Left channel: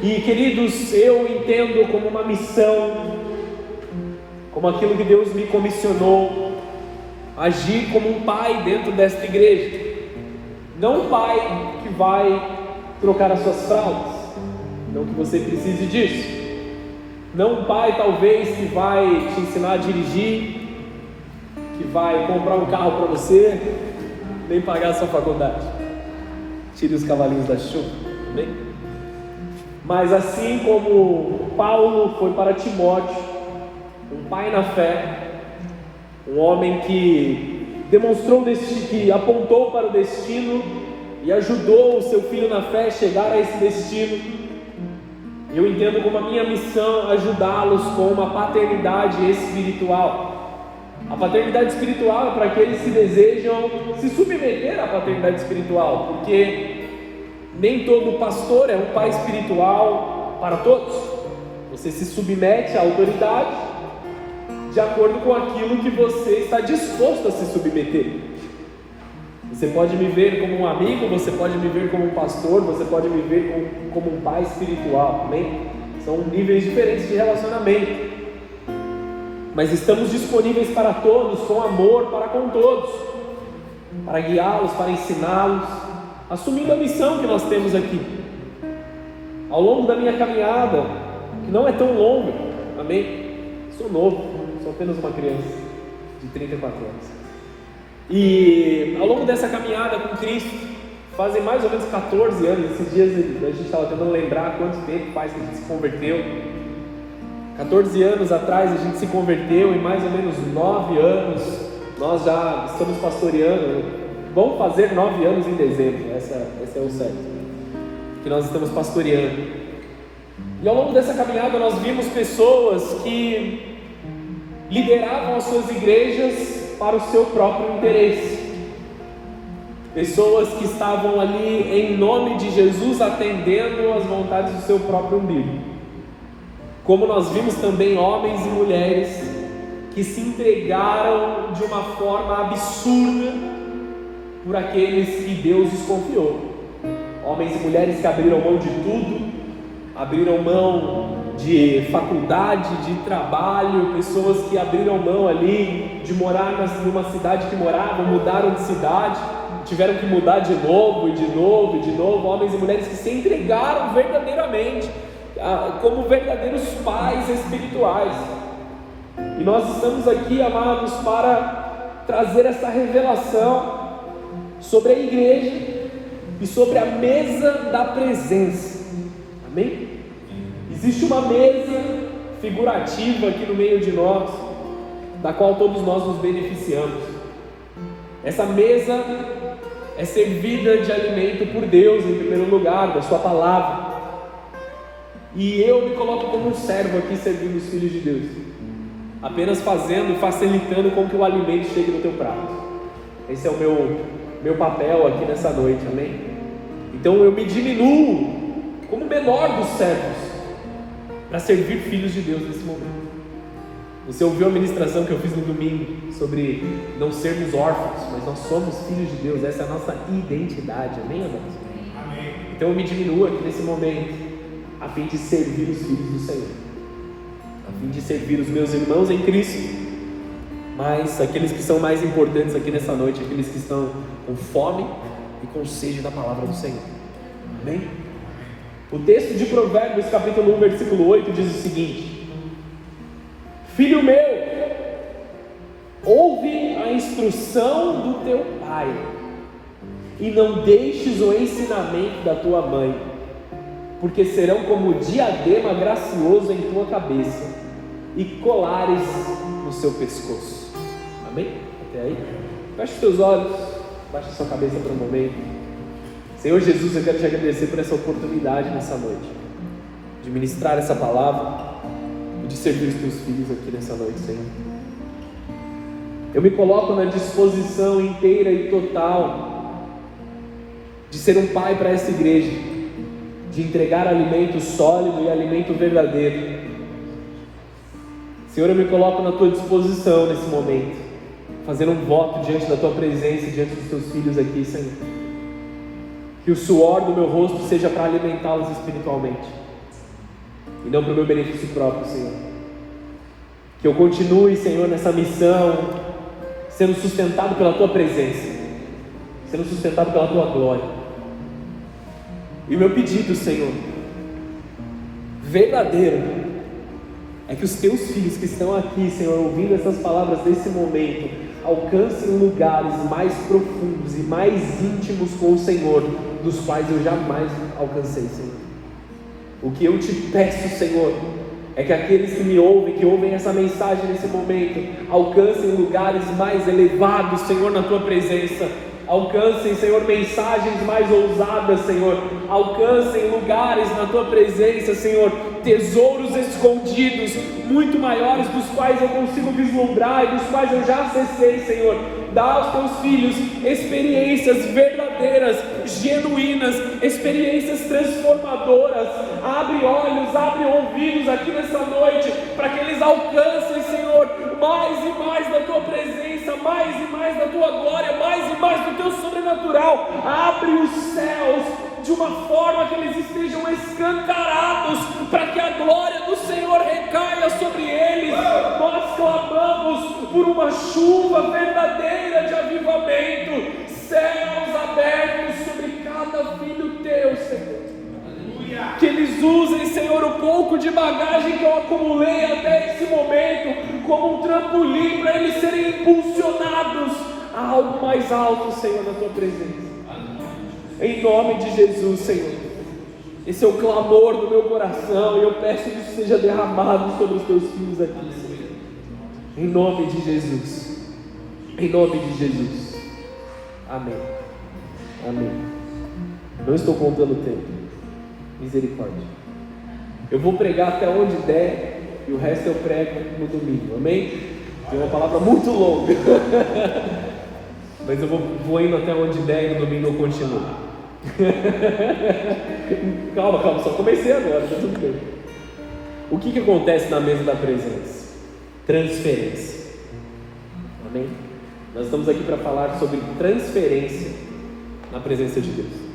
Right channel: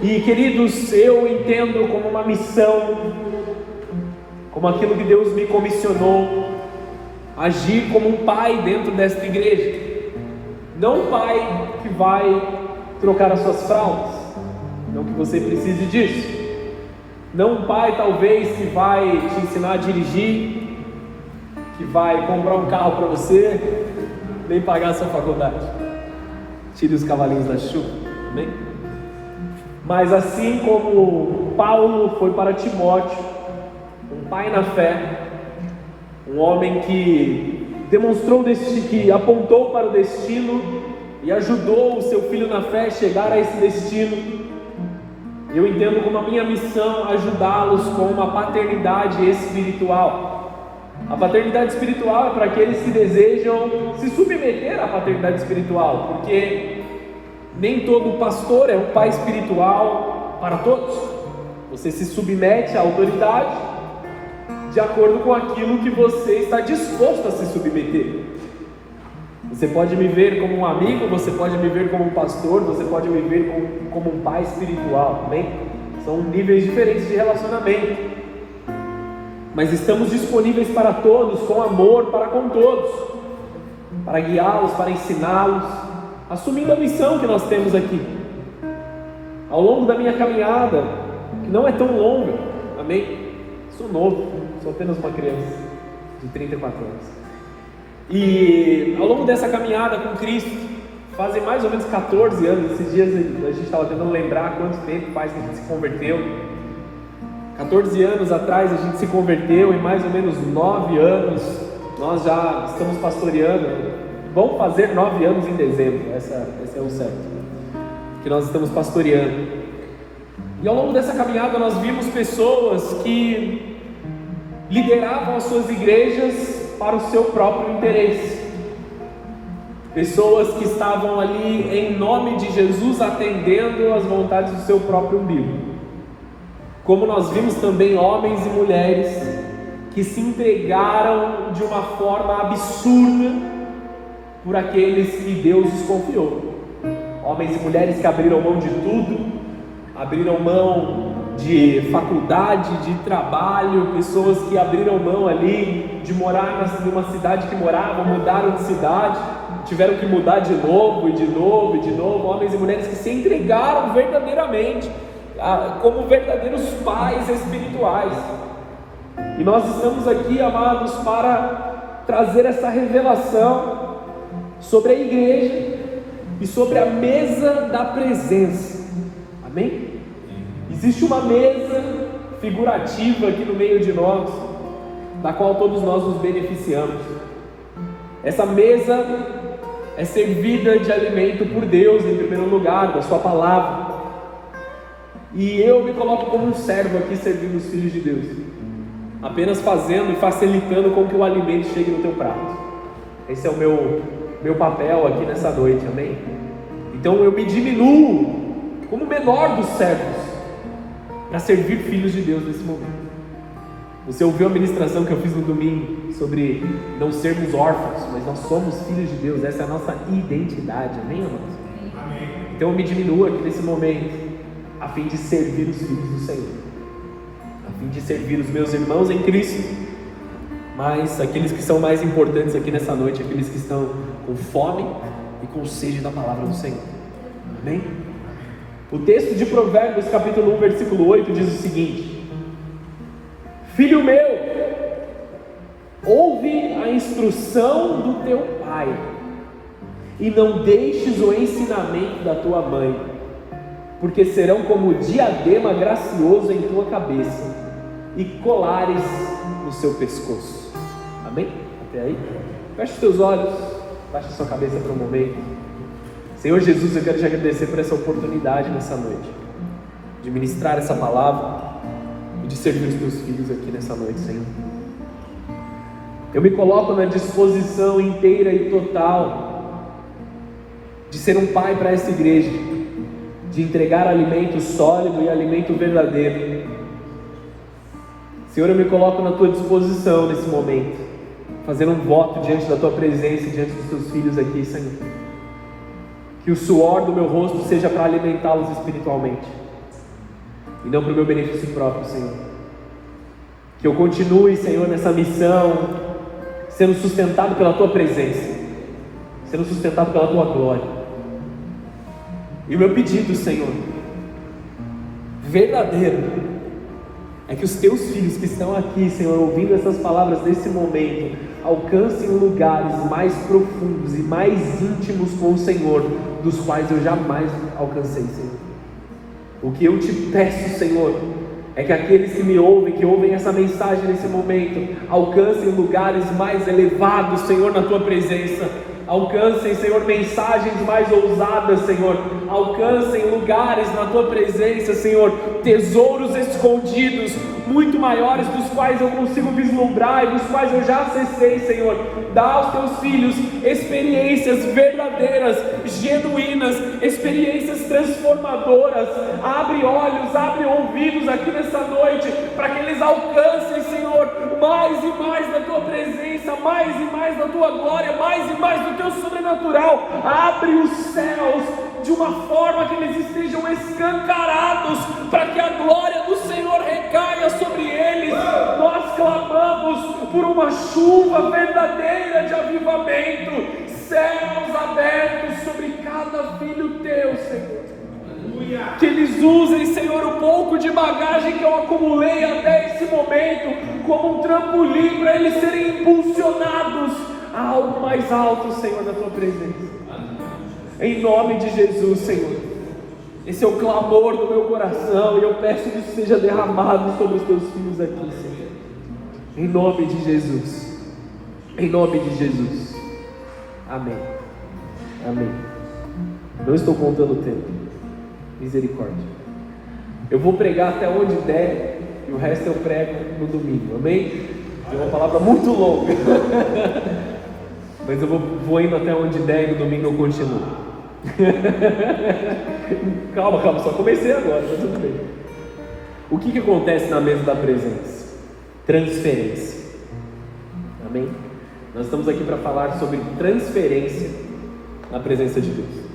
E queridos, eu entendo como uma missão, como aquilo que Deus me comissionou, agir como um pai dentro desta igreja. Não um pai que vai trocar as suas fraldas, não que você precise disso. Não um pai talvez que vai te ensinar a dirigir, que vai comprar um carro para você, nem pagar a sua faculdade. Tire os cavalinhos da chuva, amém? Mas assim como Paulo foi para Timóteo, um pai na fé, um homem que demonstrou que apontou para o destino e ajudou o seu filho na fé a chegar a esse destino, eu entendo como a minha missão ajudá-los com uma paternidade espiritual. A paternidade espiritual é para aqueles que desejam se submeter à paternidade espiritual, porque nem todo pastor é um pai espiritual para todos. Você se submete à autoridade de acordo com aquilo que você está disposto a se submeter. Você pode me ver como um amigo, você pode me ver como um pastor, você pode me ver como um pai espiritual, amém? São níveis diferentes de relacionamento, mas estamos disponíveis para todos, com amor para com todos, para guiá-los, para ensiná-los, assumindo a missão que nós temos aqui. Ao longo da minha caminhada, que não é tão longa, amém? Sou novo, sou apenas uma criança de 34 anos. E ao longo dessa caminhada com Cristo, fazem mais ou menos 14 anos, esses dias a gente estava tentando lembrar quanto tempo faz que a gente se converteu. 14 anos atrás a gente se converteu, e mais ou menos 9 anos nós já estamos pastoreando. Vamos fazer 9 anos em dezembro, esse é o certo, que nós estamos pastoreando. E ao longo dessa caminhada nós vimos pessoas que lideravam as suas igrejas para o seu próprio interesse, pessoas que estavam ali em nome de Jesus atendendo às vontades do seu próprio umbigo, como nós vimos também homens e mulheres que se entregaram de uma forma absurda por aqueles que Deus os confiou, homens e mulheres que abriram mão de tudo, abriram mão de faculdade, de trabalho, pessoas que abriram mão ali de morar numa cidade que moravam, mudaram de cidade, tiveram que mudar de novo, e de novo, e de novo, homens e mulheres que se entregaram verdadeiramente como verdadeiros pais espirituais. E nós estamos aqui, amados, para trazer essa revelação sobre a igreja e sobre a mesa da presença, amém? Existe uma mesa figurativa aqui no meio de nós, da qual todos nós nos beneficiamos. Essa mesa é servida de alimento por Deus em primeiro lugar, da sua palavra. E eu me coloco como um servo aqui servindo os filhos de Deus, apenas fazendo e facilitando com que o alimento chegue no teu prato. Esse é o meu papel aqui nessa noite, amém? Então eu me diminuo como o menor dos servos para servir filhos de Deus nesse momento. Você ouviu a ministração que eu fiz no domingo sobre não sermos órfãos, mas nós somos filhos de Deus. Essa é a nossa identidade, amém, irmãos? Amém. Então eu me diminuo aqui nesse momento, a fim de servir os filhos do Senhor, a fim de servir os meus irmãos em Cristo, mas aqueles que são mais importantes aqui nessa noite, aqueles que estão com fome e com sede da palavra do Senhor, amém? O texto de Provérbios, capítulo 1, versículo 8, diz o seguinte: Filho meu, ouve a instrução do teu pai, e não deixes o ensinamento da tua mãe, porque serão como diadema gracioso em tua cabeça, e colares no seu pescoço. Amém? Até aí? Feche os teus olhos, baixa a sua cabeça por um momento. Senhor Jesus, eu quero te agradecer por essa oportunidade nessa noite, de ministrar essa palavra e de servir os teus filhos aqui nessa noite, Senhor. Eu me coloco na disposição inteira e total de ser um pai para essa igreja, de entregar alimento sólido e alimento verdadeiro. Senhor, eu me coloco na tua disposição nesse momento, fazendo um voto diante da tua presença e diante dos teus filhos aqui, Senhor. Que o suor do meu rosto seja para alimentá-los espiritualmente, e não para o meu benefício próprio, Senhor. Que eu continue, Senhor, nessa missão, sendo sustentado pela Tua presença, sendo sustentado pela Tua glória. E o meu pedido, Senhor, verdadeiro, é que os Teus filhos que estão aqui, Senhor, ouvindo essas palavras nesse momento, alcancem lugares mais profundos e mais íntimos com o Senhor, dos quais eu jamais alcancei, Senhor. O que eu te peço, Senhor, é que aqueles que me ouvem, que ouvem essa mensagem nesse momento, alcancem lugares mais elevados, Senhor, na Tua presença. Alcancem, Senhor, mensagens mais ousadas, Senhor. Alcancem lugares na Tua presença, Senhor, tesouros escondidos, muito maiores, dos quais eu consigo vislumbrar e dos quais eu já acessei, Senhor. Dá aos Teus filhos experiências verdadeiras, genuínas, experiências transformadoras. Abre olhos, abre ouvidos aqui nessa noite, para que eles alcancem, Senhor, mais e mais da Tua presença, mais e mais da Tua glória, mais e mais do Teu sobrenatural. Abre os céus de uma forma que eles estejam escancarados, para que a glória do Senhor recaia sobre eles. Nós clamamos por uma chuva verdadeira de avivamento, céus abertos sobre cada filho Teu, Senhor. Aleluia. Que eles usem, Senhor, o pouco de bagagem que eu acumulei até esse momento como um trampolim para eles serem impulsionados a algo mais alto, Senhor, na Tua presença. Em nome de Jesus, Senhor. Esse é o clamor do meu coração, e eu peço que isso seja derramado sobre os Teus filhos aqui, Senhor. Em nome de Jesus. Em nome de Jesus. Amém. Amém. Não estou contando o tempo. Misericórdia. Eu vou pregar até onde der, e o resto eu prego no domingo. Amém? É uma palavra muito longa. Mas eu vou indo até onde der, e no domingo eu continuo. Calma, só comecei agora, tá tudo bem. O que acontece na mesa da presença? Transferência. Amém? Nós estamos aqui para falar sobre transferência na presença de Deus.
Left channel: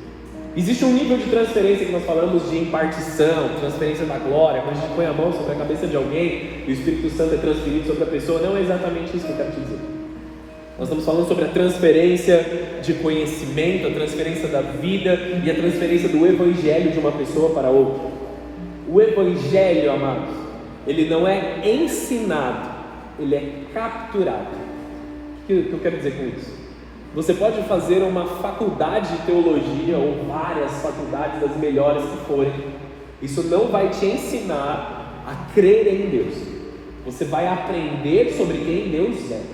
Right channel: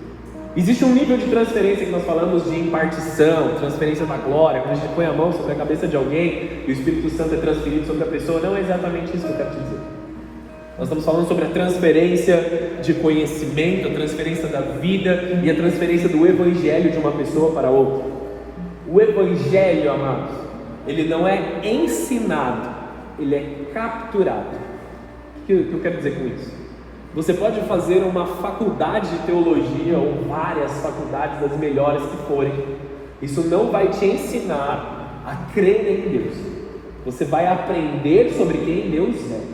Existe um nível de transferência que nós falamos de impartição, transferência da glória, quando a gente põe a mão sobre a cabeça de alguém e o Espírito Santo é transferido sobre a pessoa. Não é exatamente isso que eu quero dizer. Nós estamos falando sobre a transferência de conhecimento, a transferência da vida e a transferência do Evangelho de uma pessoa para outra. O Evangelho, amados, ele não é ensinado, ele é capturado. O que eu quero dizer com isso? Você pode fazer uma faculdade de teologia ou várias faculdades, das melhores que forem. Isso não vai te ensinar a crer em Deus. Você vai aprender sobre quem Deus é.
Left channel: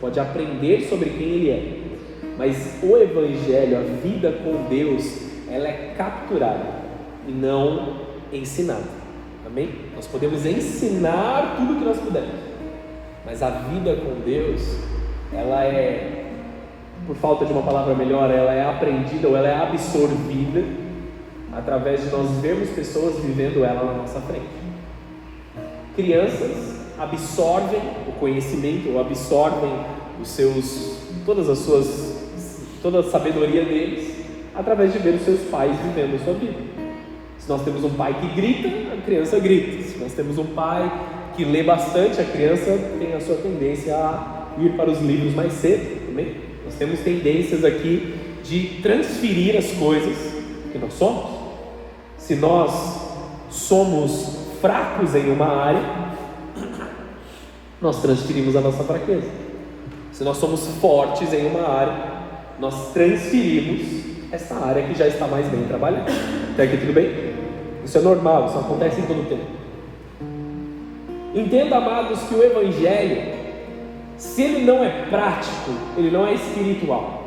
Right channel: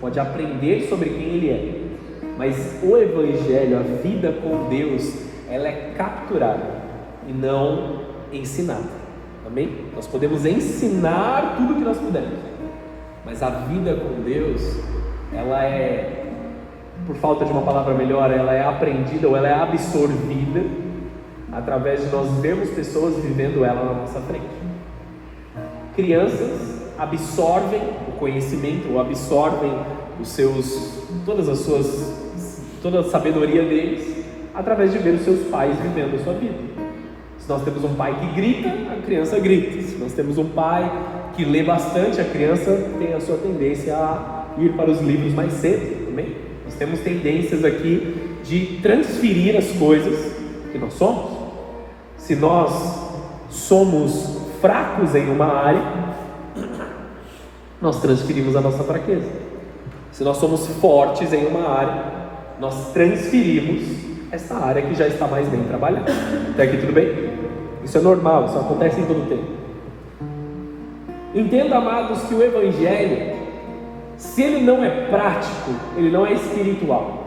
Pode aprender sobre quem Ele é, mas o Evangelho, a vida com Deus, ela é capturada e não ensinada. Amém? Nós podemos ensinar tudo o que nós pudermos, mas a vida com Deus, ela é, por falta de uma palavra melhor, ela é aprendida ou ela é absorvida através de nós vermos pessoas vivendo ela na nossa frente. Crianças absorvem o conhecimento, ou absorvem toda a sabedoria deles através de ver os seus pais vivendo a sua vida. Se nós temos um pai que grita, a criança grita. Se nós temos um pai que lê bastante, a criança tem a sua tendência a ir para os livros mais cedo. Também. Nós temos tendências aqui de transferir as coisas que nós somos. Se nós somos fracos em uma área, nós transferimos a nossa fraqueza. Se nós somos fortes em uma área, nós transferimos essa área que já está mais bem trabalhada. Até aqui tudo bem? Isso é normal, isso acontece em todo o tempo. Entenda, amados, que o Evangelho, se ele não é prático, ele não é espiritual.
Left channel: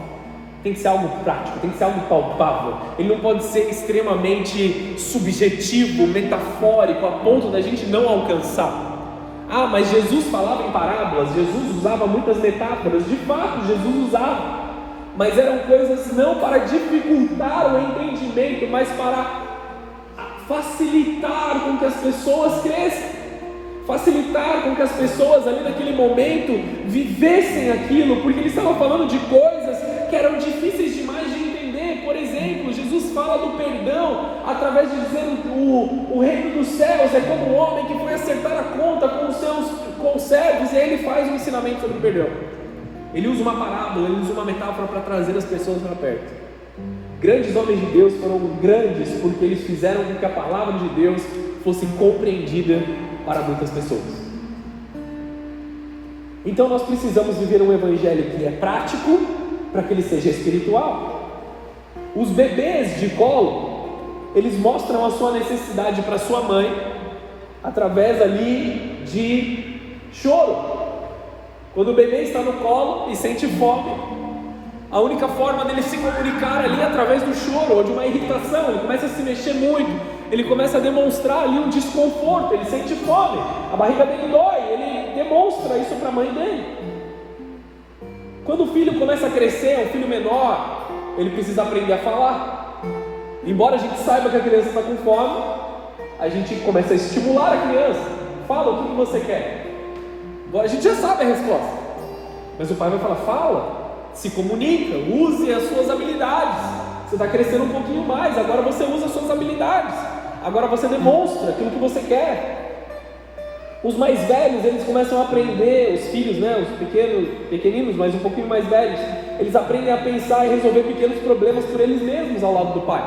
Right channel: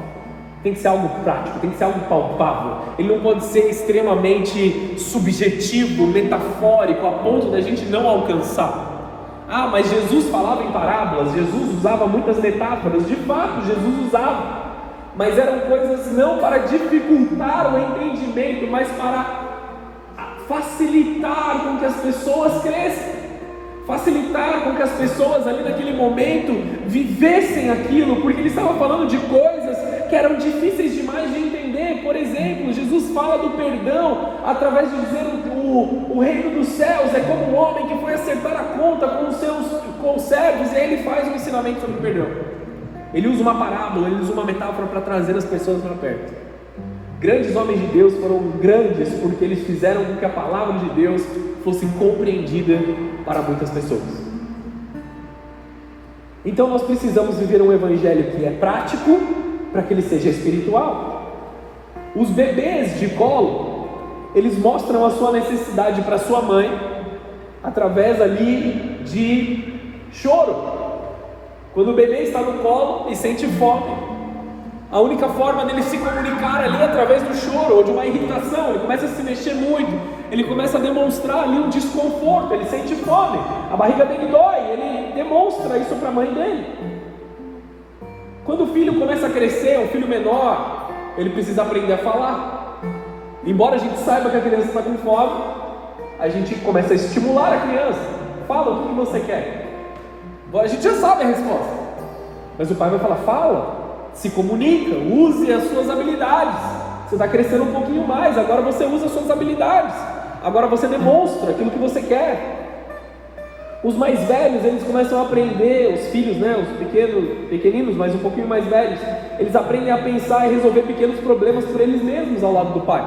Tem que ser algo prático, tem que ser algo palpável. Ele não pode ser extremamente subjetivo, metafórico, a ponto de a gente não alcançar. Ah, mas Jesus falava em parábolas, Jesus usava muitas metáforas. De fato, Jesus usava, mas eram coisas não para dificultar o entendimento, mas para facilitar com que as pessoas cresçam, facilitar com que as pessoas ali naquele momento vivessem aquilo, porque ele estava falando de coisas que eram difíceis demais de entender. Por exemplo, Jesus fala do perdão através de dizer o reino dos céus é justamente sobre o perdão. Ele usa uma parábola, ele usa uma metáfora para trazer as pessoas para perto. Grandes homens de Deus foram grandes porque eles fizeram com que a palavra de Deus fosse compreendida para muitas pessoas. Então nós precisamos viver um evangelho que é prático para que ele seja espiritual. Os bebês de colo, eles mostram a sua necessidade para sua mãe através ali de choro. Quando o bebê está no colo e sente fome, a única forma dele se comunicar ali é através do choro ou de uma irritação. Ele começa a se mexer muito, ele começa a demonstrar ali um desconforto, ele sente fome, a barriga dele dói, ele demonstra isso para a mãe dele. Quando o filho começa a crescer, o filho menor, ele precisa aprender a falar. Embora a gente saiba que a criança está com fome, a gente começa a estimular a criança. Fala o que você quer. A gente já sabe a resposta, mas o pai vai falar: fala, se comunica, use as suas habilidades. Você está crescendo um pouquinho mais, agora você usa as suas habilidades, agora você demonstra aquilo que você quer. Os mais velhos, eles começam a aprender, os filhos, os pequeninos, mas um pouquinho mais velhos, eles aprendem a pensar e resolver pequenos problemas por eles mesmos ao lado do pai.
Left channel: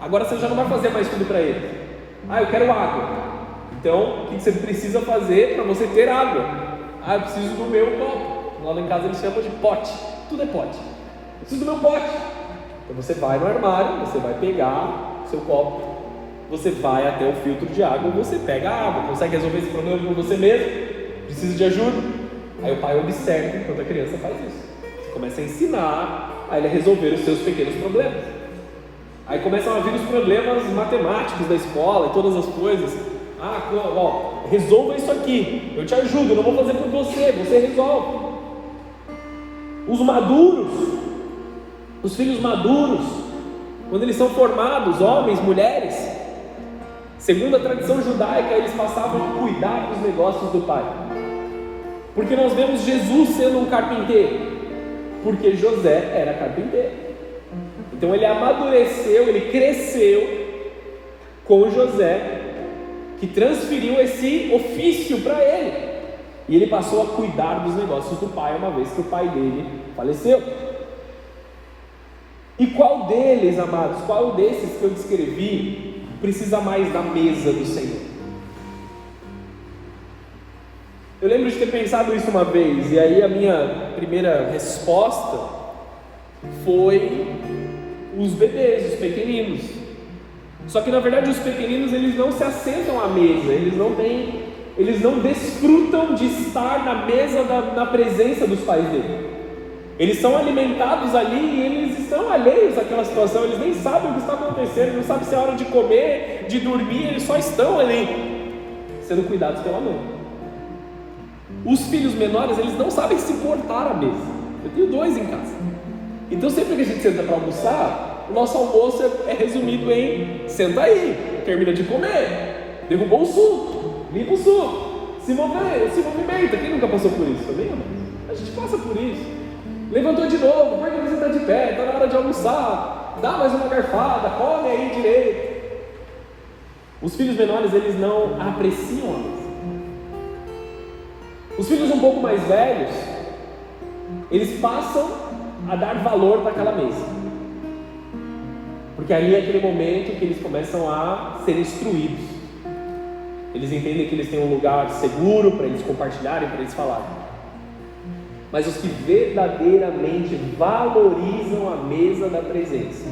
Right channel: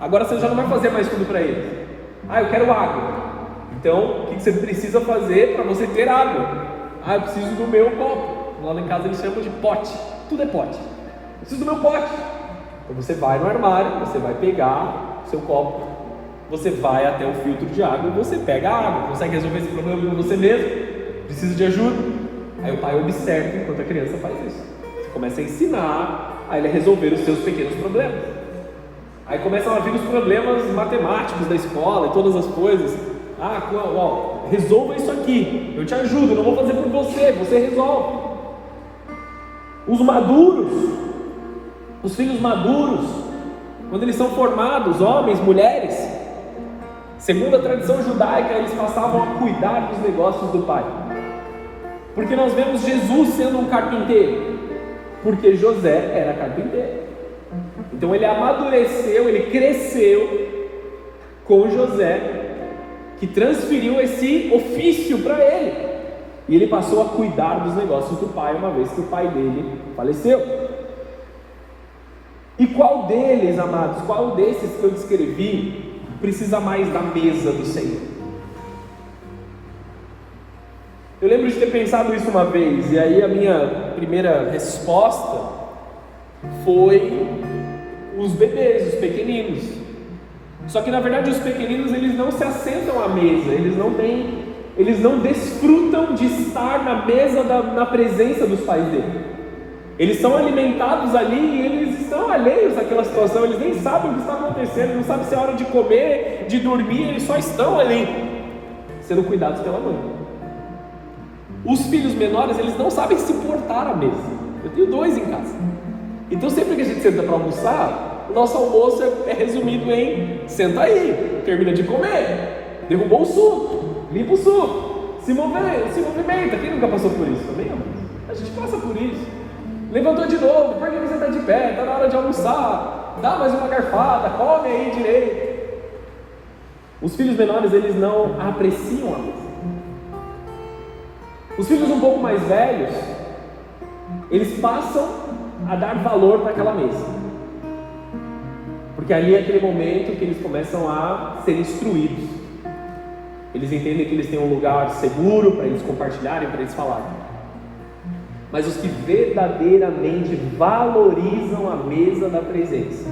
Agora você já não vai fazer mais tudo para eles. Eu quero água. Então, o que você precisa fazer para você ter água? Eu preciso do meu copo. Lá em casa eles chamam de pote. Tudo é pote. Eu preciso do meu pote. Então você vai no armário, você vai pegar o seu copo, você vai até o filtro de água, você pega a água. Consegue resolver esse problema com você mesmo? Precisa de ajuda? Aí o pai observa enquanto a criança faz isso. Você começa a ensinar a ele a resolver os seus pequenos problemas. Aí começam a vir os problemas matemáticos da escola e todas as coisas. Resolva isso aqui, eu te ajudo, não vou fazer por você, você resolve. Os maduros, os filhos maduros, quando eles são formados, homens, mulheres, segundo a tradição judaica, eles passavam a cuidar dos negócios do pai. Porque nós vemos Jesus sendo um carpinteiro, porque José era carpinteiro. Então ele amadureceu, ele cresceu com José, que transferiu esse ofício para ele, e ele passou a cuidar dos negócios do pai, uma vez que o pai dele faleceu. E qual deles, amados, qual desses que eu descrevi precisa mais da mesa do Senhor? Eu lembro de ter pensado nisso uma vez, e aí a minha primeira resposta foi os bebês, os pequeninos. Só que na verdade os pequeninos, eles não se assentam à mesa, eles não desfrutam de estar na mesa na presença dos pais dele. Eles são alimentados ali e eles estão alheios àquela situação, eles nem sabem o que está acontecendo, não sabem se é hora de comer, de dormir, eles só estão ali, sendo cuidados pela mãe. Os filhos menores, eles não sabem se portar à mesa. Eu tenho 2 em casa. Então sempre que a gente senta para almoçar, o nosso almoço é resumido em: senta aí, termina de comer, derrubou o suco, limpa o suco, se movimenta. Quem nunca passou por isso? A gente passa por isso. Levantou de novo, por que você está de pé? Está na hora de almoçar, dá mais uma garfada, come aí direito. Os filhos menores, eles não apreciam a mesa. Os filhos um pouco mais velhos, eles passam a dar valor para aquela mesa. Porque ali é aquele momento que eles começam a ser instruídos. Eles entendem que eles têm um lugar seguro para eles compartilharem, para eles falarem. Mas os que verdadeiramente valorizam a mesa da presença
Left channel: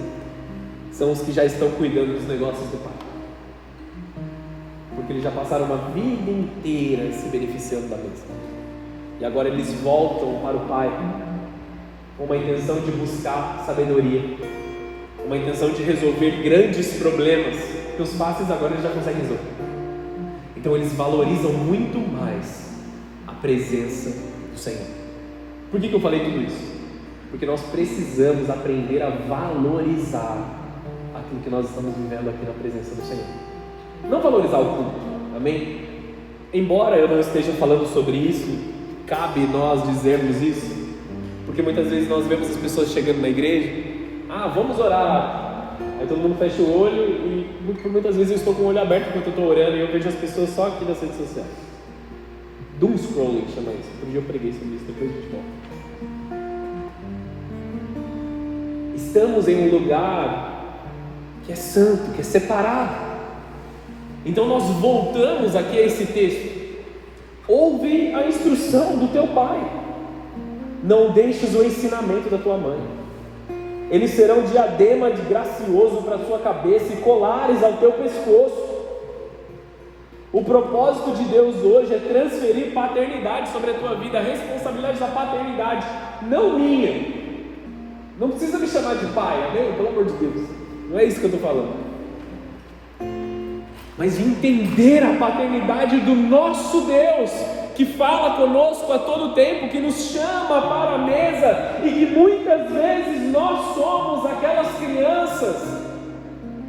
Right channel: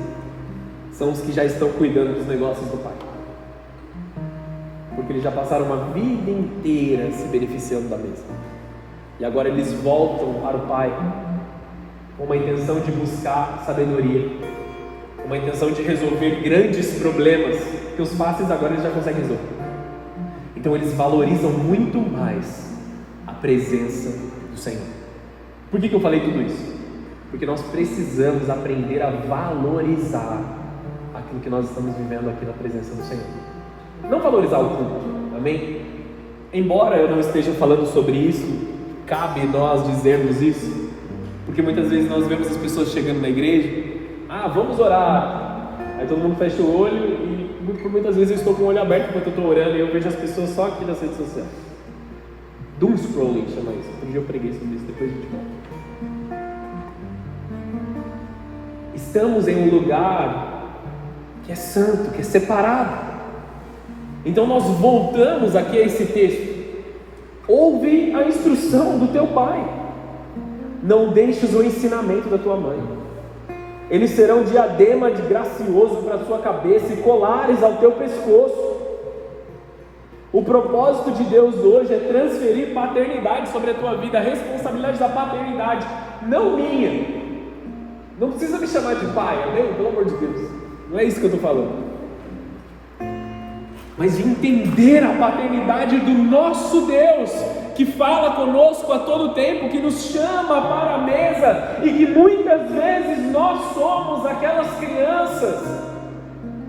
são os que já estão cuidando dos negócios do Pai. Porque eles já passaram uma vida inteira se beneficiando da mesa. E agora eles voltam para o Pai com uma intenção de buscar sabedoria, uma intenção de resolver grandes problemas que os fáceis agora eles já conseguem resolver. Então eles valorizam muito mais a presença do Senhor. Por que eu falei tudo isso? Porque nós precisamos aprender a valorizar aquilo que nós estamos vivendo aqui na presença do Senhor. Não valorizar o culto, amém? Embora eu não esteja falando sobre isso, cabe nós dizermos isso, porque muitas vezes nós vemos as pessoas chegando na igreja: vamos orar. Aí todo mundo fecha o olho e muitas vezes eu estou com o olho aberto enquanto eu estou orando e eu vejo as pessoas só aqui nas redes sociais. Doom scrolling chama isso. Um dia eu preguei sobre isso, depois a gente volta. Estamos em um lugar que é santo, que é separado. Então nós voltamos aqui a esse texto. Ouve a instrução do teu pai. Não deixes o ensinamento da tua mãe. Eles serão diadema de gracioso para a sua cabeça e colares ao teu pescoço. O propósito de Deus hoje é transferir paternidade sobre a tua vida, a responsabilidade da paternidade, não minha. Não precisa me chamar de pai, pelo amor de Deus. Não é isso que eu estou falando. Mas de entender a paternidade do nosso Deus, que fala conosco a todo tempo, que nos chama para a mesa, e que muitas vezes nós somos aquelas crianças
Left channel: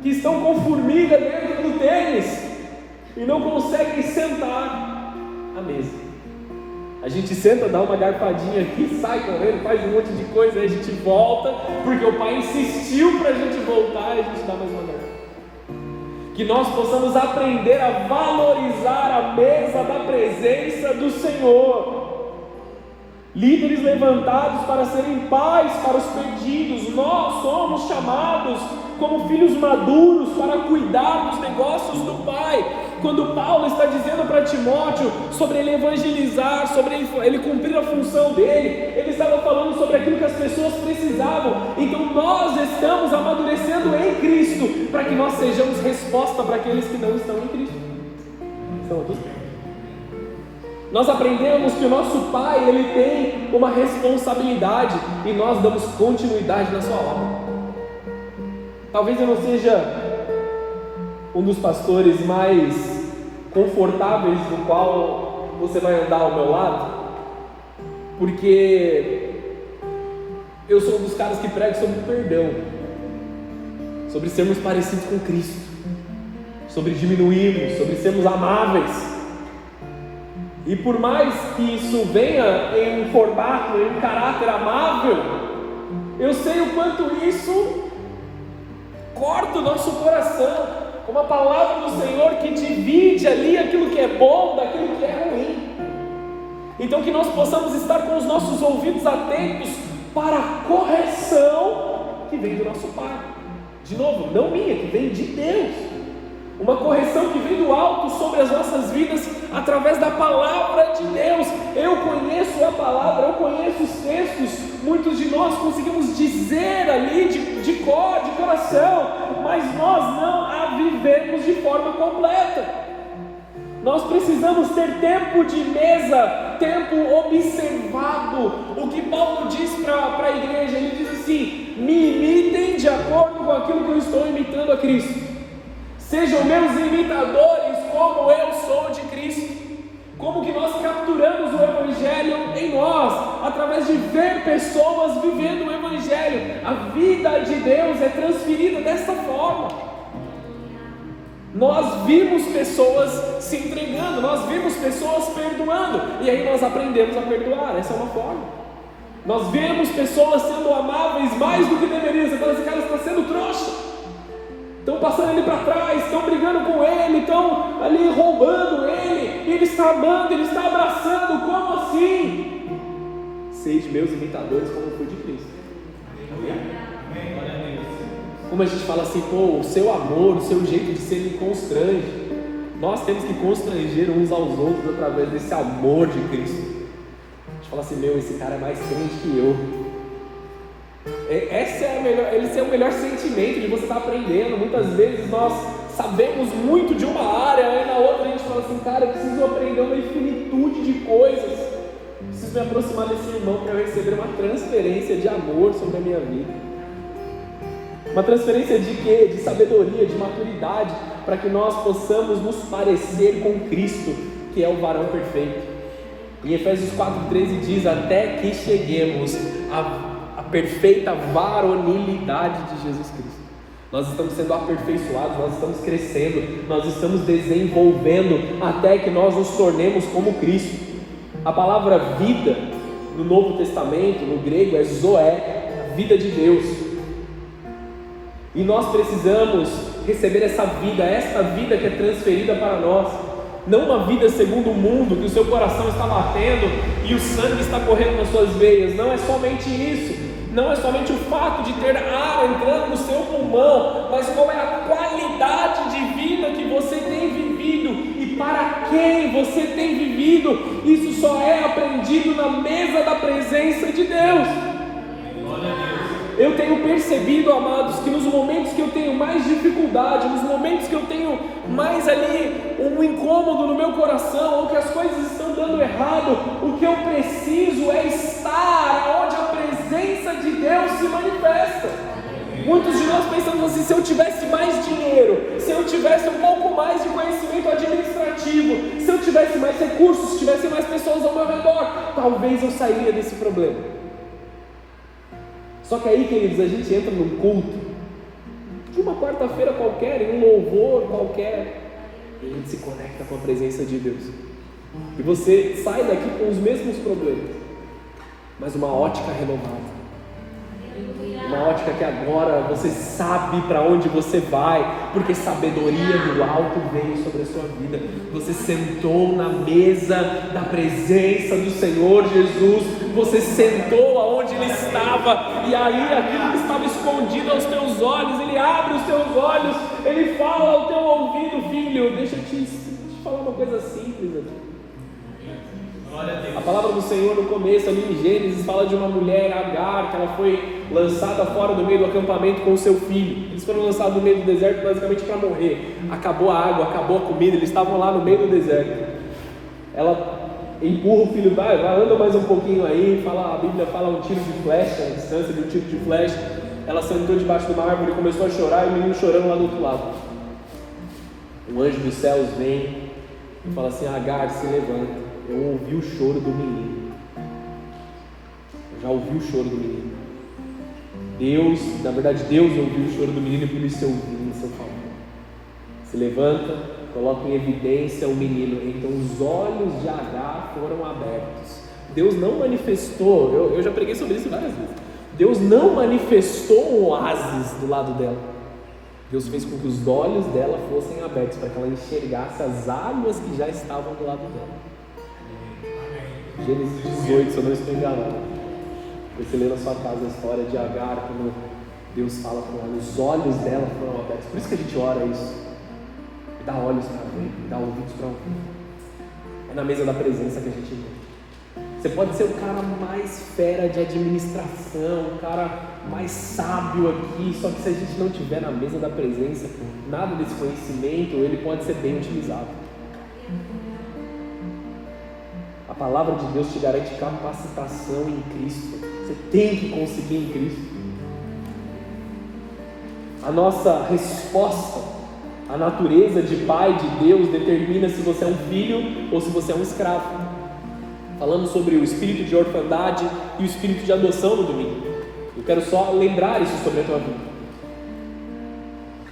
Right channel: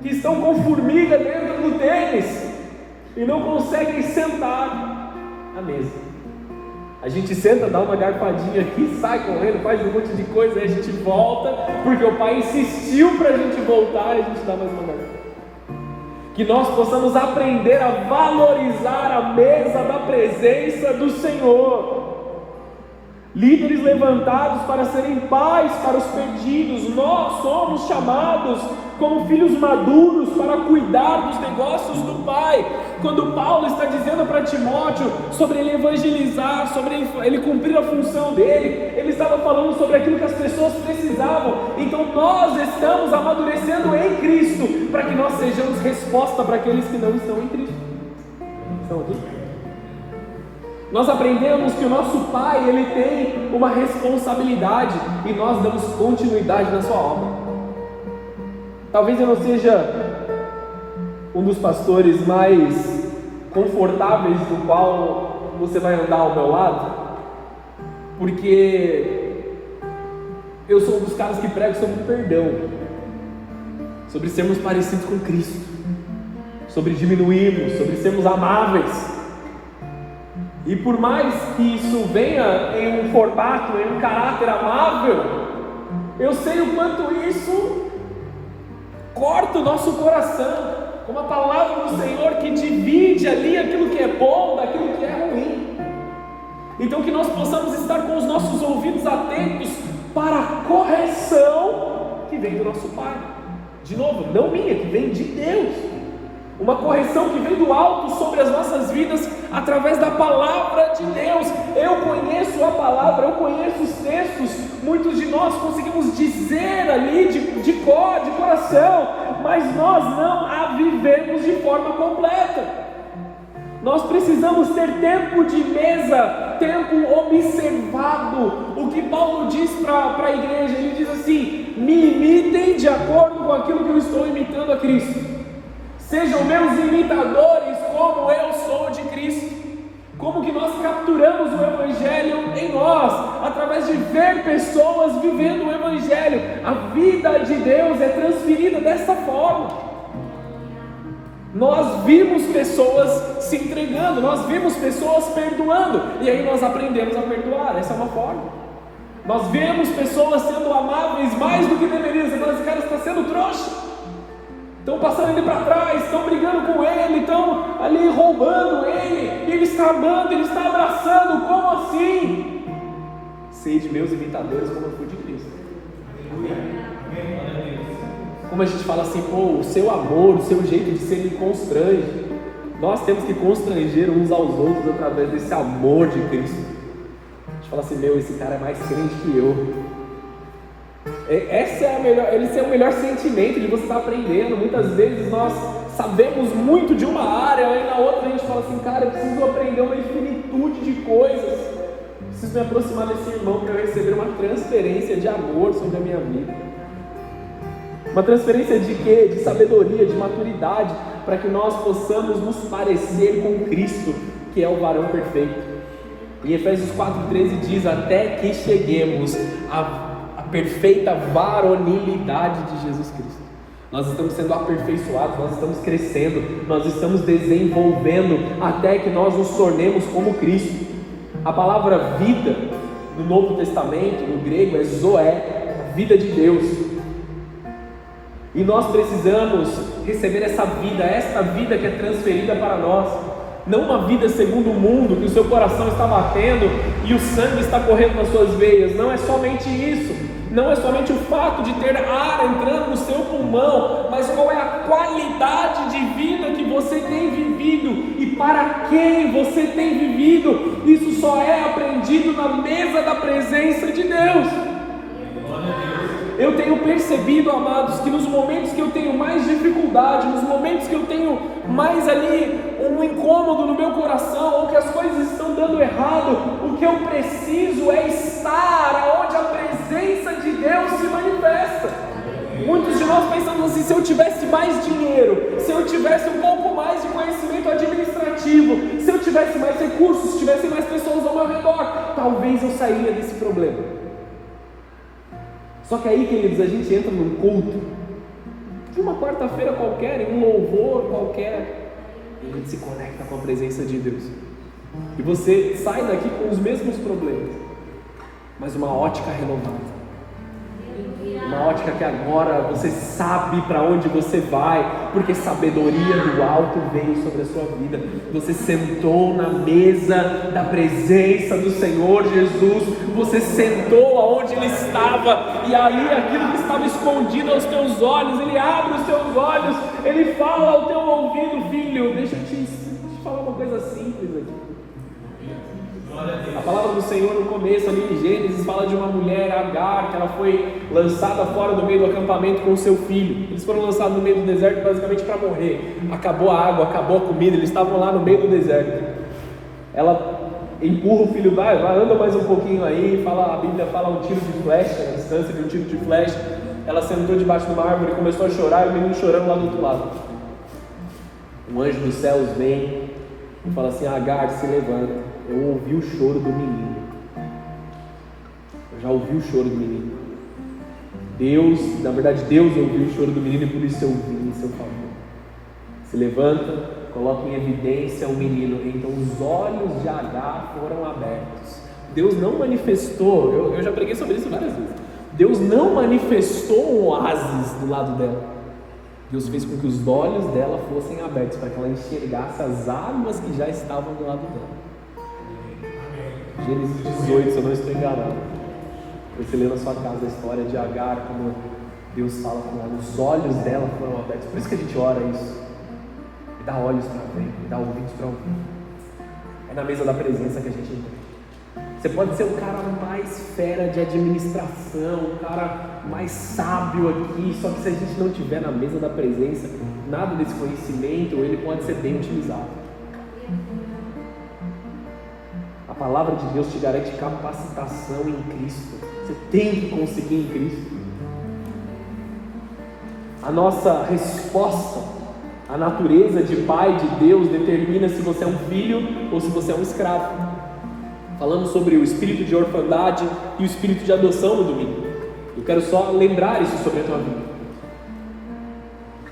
que estão com formiga dentro do tênis e não conseguem sentar à mesa. A gente senta, dá uma garfadinha aqui, sai correndo, faz um monte de coisa, aí a gente volta, porque o pai insistiu para a gente voltar e a gente dá mais uma garfada. Que nós possamos aprender a valorizar a mesa da presença do Senhor. Líderes levantados para serem pais para os perdidos. Nós somos chamados como filhos maduros para cuidar dos negócios do Pai. Quando Paulo está dizendo para Timóteo sobre ele evangelizar, sobre ele cumprir a função dele, ele estava falando sobre aquilo que as pessoas precisavam. Então nós estamos amadurecendo em Cristo, para que nós sejamos resposta para aqueles que não estão em Cristo. Nós aprendemos que o nosso Pai, ele tem uma responsabilidade e nós damos continuidade na sua obra. Talvez eu não seja um dos pastores mais confortáveis no qual você vai andar ao meu lado, porque eu sou um dos caras que prega sobre perdão, sobre sermos parecidos com Cristo, sobre diminuirmos, sobre sermos amáveis. E por mais que isso venha em um formato, em um caráter amável, eu sei o quanto isso corta o nosso coração. Uma palavra do Senhor que divide ali aquilo que é bom daquilo que é ruim. Então que nós possamos estar com os nossos ouvidos atentos para a correção que vem do nosso Pai. De novo, não minha, que vem de Deus. Uma correção que vem do alto sobre as nossas vidas através da palavra de Deus. Eu conheço a palavra, eu conheço os textos. Muitos de nós conseguimos dizer ali de cor, de coração, mas nós não a vivemos de forma completa. Nós precisamos ter tempo de mesa, tempo observado. O que Paulo diz para a igreja, ele diz assim: me imitem de acordo com aquilo que eu estou imitando a Cristo. Sejam meus imitadores como eu sou de Cristo. Como que nós capturamos o Evangelho em nós? Através de ver pessoas vivendo o Evangelho. A vida de Deus é transferida dessa forma. Nós vimos pessoas se entregando, nós vimos pessoas perdoando, e aí nós aprendemos a perdoar. Essa é uma forma. Nós vemos pessoas sendo amáveis mais do que deveriam. Você fala, esse cara está sendo trouxa. Estão passando ele para trás, estão brigando com ele, estão ali roubando ele, e ele está amando, ele está abraçando. Como assim? Sede meus imitadores como eu fui de Cristo. Como a gente fala assim, pô, o seu amor, o seu jeito de ser me constrange. Nós temos que constranger uns aos outros através desse amor de Cristo. A gente fala assim, meu, esse cara é mais crente que eu. Esse é o melhor sentimento de você estar aprendendo. Muitas vezes nós sabemos muito de uma área, aí na outra a gente fala assim, cara, eu preciso aprender uma infinitude de coisas. Preciso me aproximar desse irmão para receber uma transferência de amor sobre a minha vida. Uma transferência de quê? De sabedoria, de maturidade, para que nós possamos nos parecer com Cristo, que é o varão perfeito. Em Efésios 4,13 diz, até que cheguemos a perfeita varonilidade de Jesus Cristo. Nós estamos sendo aperfeiçoados, nós estamos crescendo, nós estamos desenvolvendo até que nós nos tornemos como Cristo. A palavra vida no Novo Testamento, no grego, é zoé, vida de Deus. E nós precisamos receber essa vida que é transferida para nós. não uma vida segundo o mundo, que o seu coração está batendo e o sangue está correndo nas suas veias. Não é somente isso, não é somente o fato de ter ar entrando no seu pulmão, mas qual é a qualidade de vida que você tem vivido e para quem você tem vivido. Isso só é aprendido na mesa da presença de Deus. Glória a Deus. Eu tenho percebido, amados, que nos momentos que eu tenho mais dificuldade, nos momentos que eu tenho mais ali um incômodo no meu coração, ou que as coisas estão dando errado, o que eu preciso é estar onde a presença de Deus se manifesta. Muitos de nós pensamos assim: se eu tivesse mais dinheiro, se eu tivesse um pouco mais de conhecimento administrativo, se eu tivesse mais recursos, se tivesse mais pessoas ao meu redor, talvez eu sairia desse problema. Só que aí, queridos, a gente entra num culto de uma quarta-feira qualquer, em um louvor qualquer, e a gente se conecta com a presença de Deus. E você sai daqui com os mesmos problemas, mas uma ótica renovada. Uma ótica que agora você sabe para onde você vai, porque sabedoria do alto veio sobre a sua vida. Você sentou na mesa da presença do Senhor Jesus, você sentou aonde Ele estava, e ali aquilo que estava escondido aos teus olhos, Ele abre os teus olhos, Ele fala ao teu ouvido: filho, deixa eu te falar uma coisa simples aqui. A palavra do Senhor no começo ali em Gênesis fala de uma mulher, Agar, que ela foi lançada fora do meio do acampamento com o seu filho. Eles foram lançados no meio do deserto basicamente para morrer. Acabou a água, acabou a comida, eles estavam lá no meio do deserto. Ela empurra o filho, vai anda mais um pouquinho aí, a Bíblia fala um tiro de flecha, a distância de um tiro de flecha. Ela sentou debaixo de uma árvore e começou a chorar, e o menino chorando lá do outro lado. Um anjo dos céus vem e fala assim: Agar, se levanta. Eu ouvi o choro do menino. Eu já ouvi o choro do menino. Deus ouviu o choro do menino, e por isso eu vim em seu favor. Se levanta, coloca em evidência o menino. Então os olhos de Agar foram abertos. Deus não manifestou, eu já preguei sobre isso várias vezes. Deus não manifestou um oásis do lado dela. Deus fez com que os olhos dela fossem abertos para que ela enxergasse as águas que já estavam do lado dela. Gênesis 18, se eu não estou enganado. Você lê na sua casa a história de Agar, como Deus fala que os olhos dela foram abertos. Por isso que a gente ora isso. Dá olhos para ver, dá ouvidos para ouvir. É na mesa da presença que a gente vai. Você pode ser o cara mais fera de administração, o cara mais sábio aqui, só que se a gente não estiver na mesa da presença, nada desse conhecimento, ele pode ser bem utilizado. A palavra de Deus te garante capacitação em Cristo. Você tem que conseguir em Cristo. A nossa resposta, a natureza de pai de Deus determina se você é um filho ou se você é um escravo. Falando sobre o espírito de orfandade e o espírito de adoção no domingo. Eu quero só lembrar isso sobre a tua vida.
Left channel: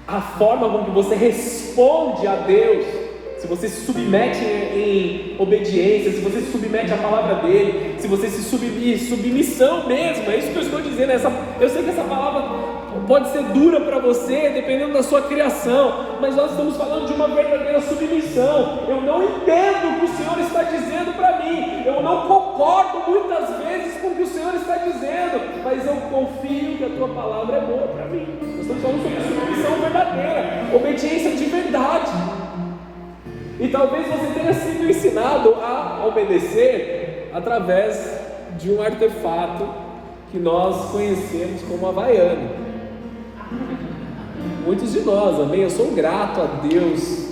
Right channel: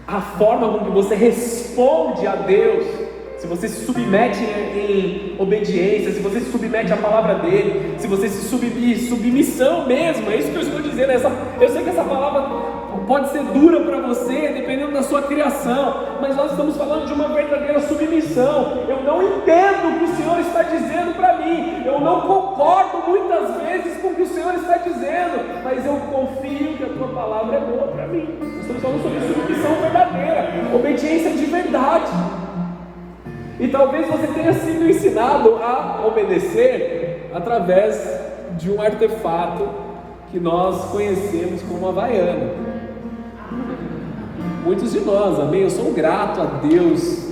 A forma com que você responde a Deus, se você se submete em obediência, se você se submete à palavra dele, se você se submissão mesmo, é isso que eu estou dizendo. Eu sei que essa palavra pode ser dura para você, dependendo da sua criação, mas nós estamos falando de uma verdadeira submissão. Eu não entendo o que o Senhor está dizendo para mim, eu não concordo muitas vezes com o que o Senhor está dizendo, mas eu confio que a tua palavra é boa para mim. Nós estamos falando sobre submissão verdadeira, obediência de verdade. E talvez você tenha sido ensinado a obedecer através de um artefato que nós conhecemos como Havaiana. Muitos de nós, amém? Eu sou grato a Deus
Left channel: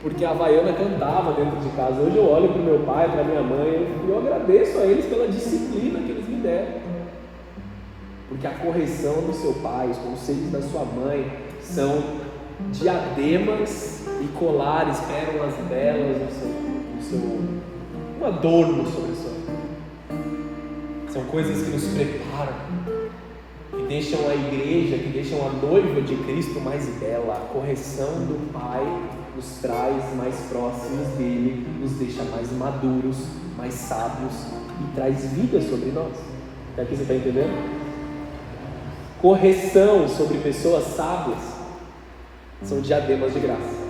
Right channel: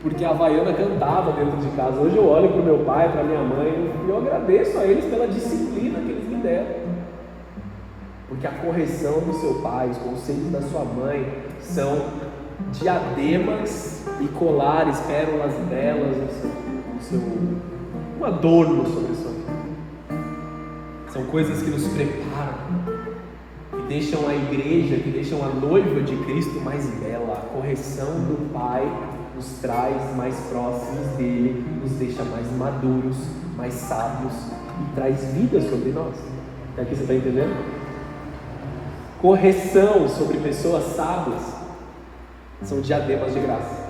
porque a Havaiana cantava dentro de casa. Hoje eu olho para o meu pai, para a minha mãe, e eu agradeço a eles pela disciplina que eles me deram. Porque a correção do seu pai, os conselhos da sua mãe são diademas e colares, pérolas belas um adorno sobre a sua vida. São coisas que nos preparam, que deixam a igreja, que deixam a noiva de Cristo mais bela. A correção do Pai nos traz mais próximos dele, nos deixa mais maduros, mais sábios e traz vida sobre nós. É o que você está entendendo? Correção sobre pessoas sábias são diademas de graça.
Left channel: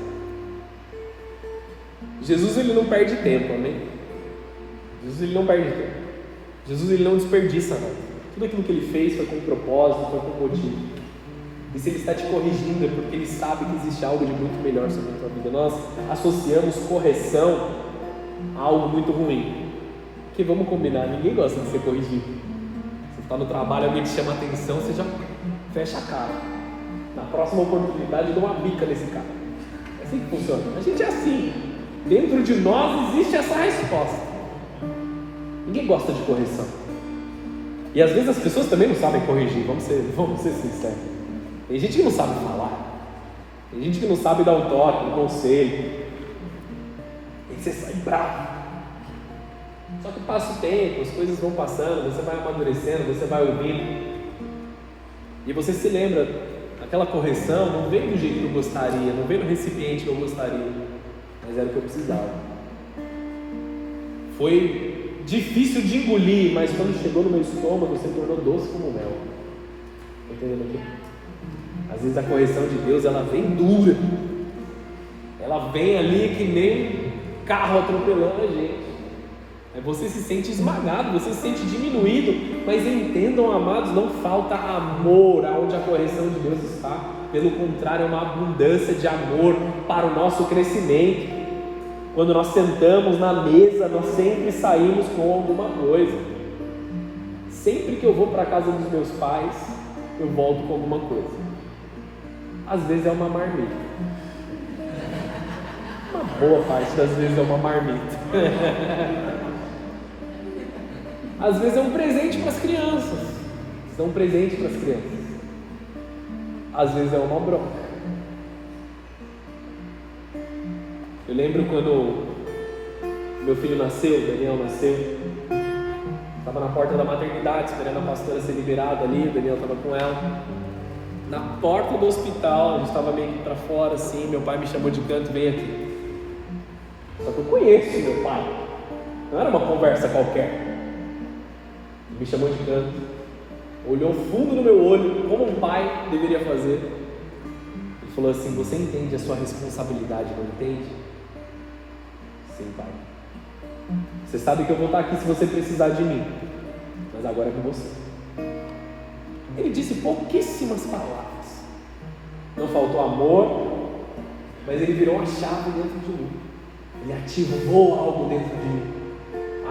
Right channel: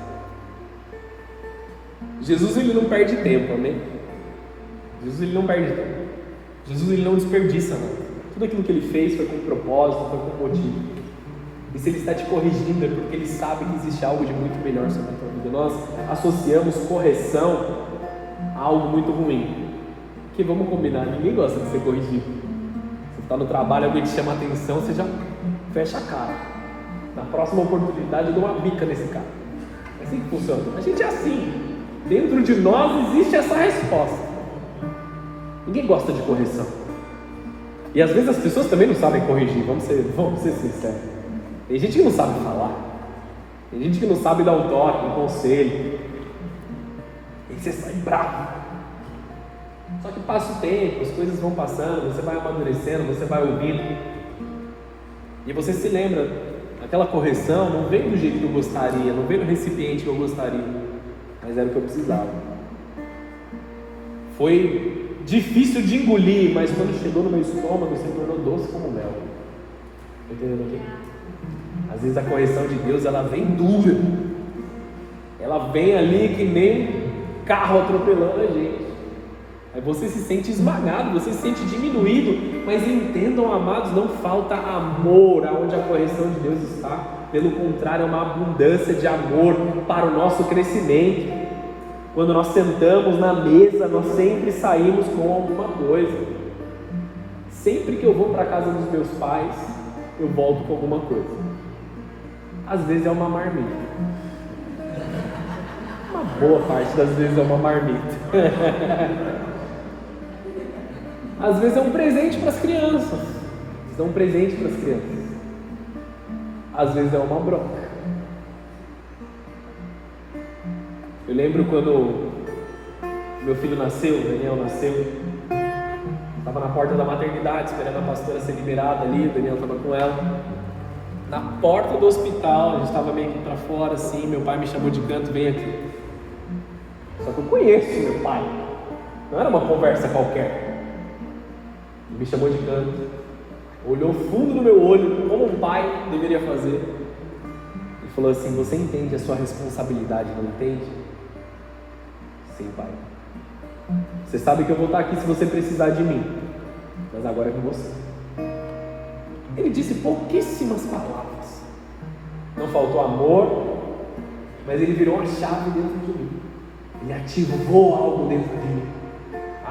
Jesus ele não perde tempo, amém? Jesus ele não perde tempo. Jesus ele não desperdiça nada. Tudo aquilo que ele fez foi com propósito, foi com motivo. E se ele está te corrigindo é porque ele sabe que existe algo de muito melhor sobre a tua vida. Nós associamos correção a algo muito ruim. Porque vamos combinar, ninguém gosta de ser corrigido. Você está no trabalho, alguém te chama a atenção, você já fecha a cara. Na próxima oportunidade eu dou uma bica nesse cara. É assim que funciona. A gente é assim. Dentro de nós existe essa resposta. Ninguém gosta de correção. E às vezes as pessoas também não sabem corrigir, vamos ser sinceros. Tem gente que não sabe falar, tem gente que não sabe dar um toque, um conselho. E você sai bravo. Só que passa o tempo, as coisas vão passando, você vai amadurecendo, você vai ouvindo. E você se lembra, aquela correção não veio do jeito que eu gostaria, não veio do recipiente que eu gostaria, mas era o que eu precisava. Foi difícil de engolir, mas quando chegou no meu estômago, se tornou doce como mel. Entendeu? Às vezes a correção de Deus, ela vem dura. Ela vem ali que nem carro atropelando a gente. Aí você se sente esmagado, você se sente diminuído, mas entendam, amados, não falta amor aonde a correção de Deus está. Pelo contrário, é uma abundância de amor para o nosso crescimento. Quando nós sentamos na mesa, nós sempre saímos com alguma coisa. Sempre que eu vou para a casa dos meus pais, eu volto com alguma coisa. Às vezes é uma marmita. Uma boa parte das vezes é uma marmita. Às vezes é um presente para as crianças. Isso é um presente para as crianças. Às vezes é uma bronca. Eu lembro quando meu filho nasceu, o Daniel nasceu, estava na porta da maternidade, esperando a pastora ser liberada ali, o Daniel estava com ela. Na porta do hospital, a gente estava meio que para fora assim, meu pai me chamou de canto, vem aqui. Só que eu conheço meu pai, não era uma conversa qualquer. Ele me chamou de canto, olhou fundo no meu olho, como um pai deveria fazer. Ele falou assim: você entende a sua responsabilidade, não entende? Sim, pai. Você sabe que eu vou estar aqui se você precisar de mim, mas agora é com você. Ele disse pouquíssimas palavras. Não faltou amor, mas ele virou uma chave dentro de mim. Ele ativou algo dentro de mim.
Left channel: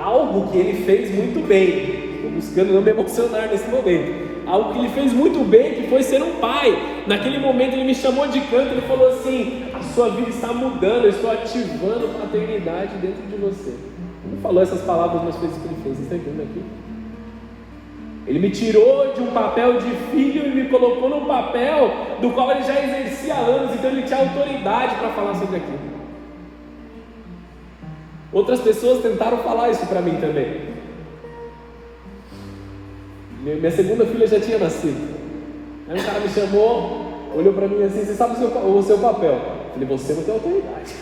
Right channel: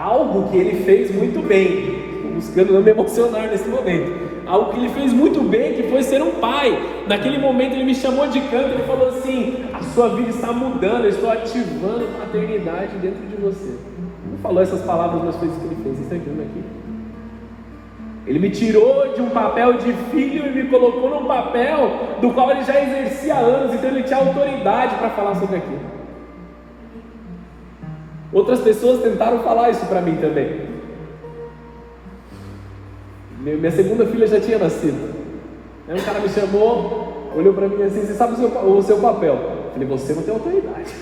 Algo que ele fez muito bem. Estou buscando não me emocionar nesse momento. Algo que ele fez muito bem, que foi ser um pai. Naquele momento ele me chamou de canto, ele falou assim: a sua vida está mudando, eu estou ativando a paternidade dentro de você. Ele não falou essas palavras nas coisas que ele fez, isso aqui. Ele me tirou de um papel de filho e me colocou num papel do qual ele já exercia há anos, então ele tinha autoridade para falar sobre aquilo. Outras pessoas tentaram falar isso para mim também. Minha segunda filha já tinha nascido. Aí um cara me chamou, olhou para mim assim: você sabe o seu papel? Eu falei: você não tem autoridade.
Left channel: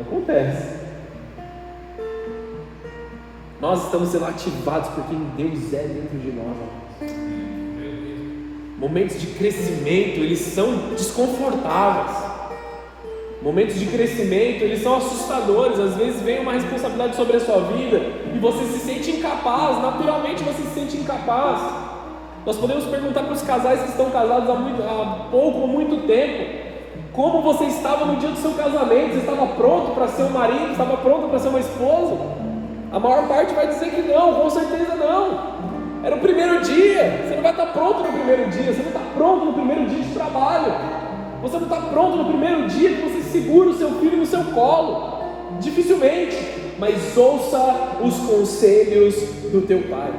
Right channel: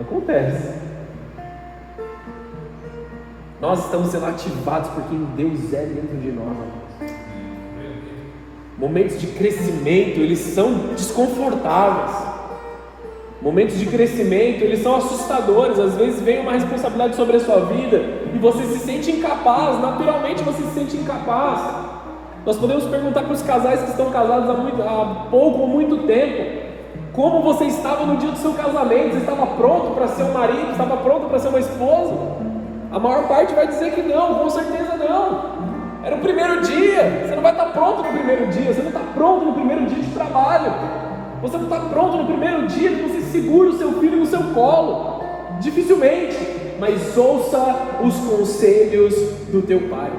Acontece. Nós estamos sendo ativados por quem Deus é dentro de nós. Momentos de crescimento, eles são desconfortáveis. Momentos de crescimento, eles são assustadores. Às vezes vem uma responsabilidade sobre a sua vida e você se sente incapaz, naturalmente você se sente incapaz. Nós podemos perguntar para os casais que estão casados há pouco ou muito tempo: como você estava no dia do seu casamento? Você estava pronto para ser um marido? Estava pronto para ser uma esposa? A maior parte vai dizer que não, com certeza não. Era o primeiro dia. Você não vai estar pronto no primeiro dia. Você não está pronto no primeiro dia de trabalho. Você não está pronto no primeiro dia que você segura o seu filho no seu colo. Dificilmente. Mas ouça os conselhos do teu pai.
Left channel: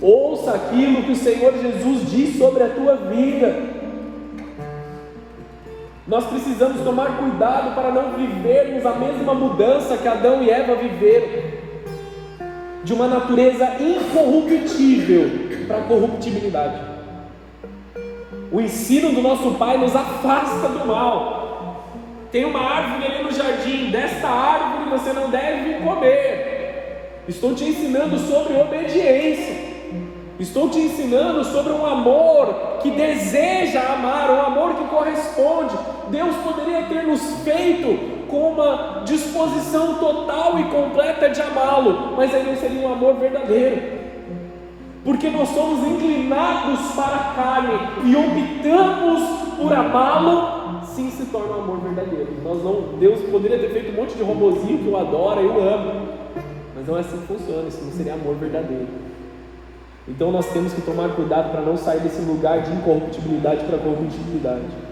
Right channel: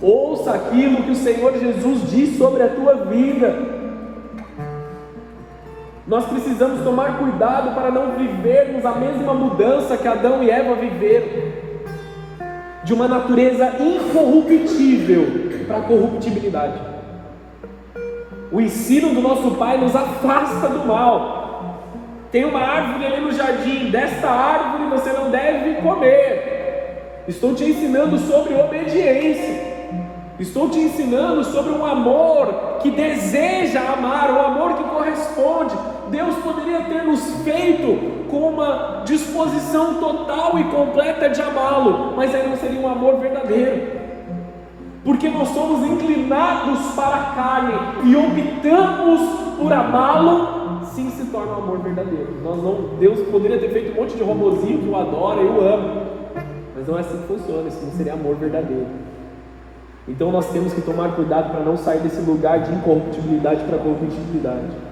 Ouça aquilo que o Senhor Jesus diz sobre a tua vida. Nós precisamos tomar cuidado para não vivermos a mesma mudança que Adão e Eva viveram, de uma natureza incorruptível para a corruptibilidade. O ensino do nosso Pai nos afasta do mal. Tem uma árvore ali no jardim: desta árvore você não deve comer. Estou te ensinando sobre obediência. Estou te ensinando sobre um amor que deseja amar, um amor que corresponde. Deus total e completa de amá-lo, mas aí não seria um amor verdadeiro. Porque nós somos inclinados para a carne e optamos por amá-lo, sim se torna um amor verdadeiro. Deus poderia ter feito um monte de robozinho que eu adoro e eu amo, mas não é assim que funciona, isso não seria amor verdadeiro. Então nós temos que tomar cuidado para não sair desse lugar de incorruptibilidade para a corruptibilidade.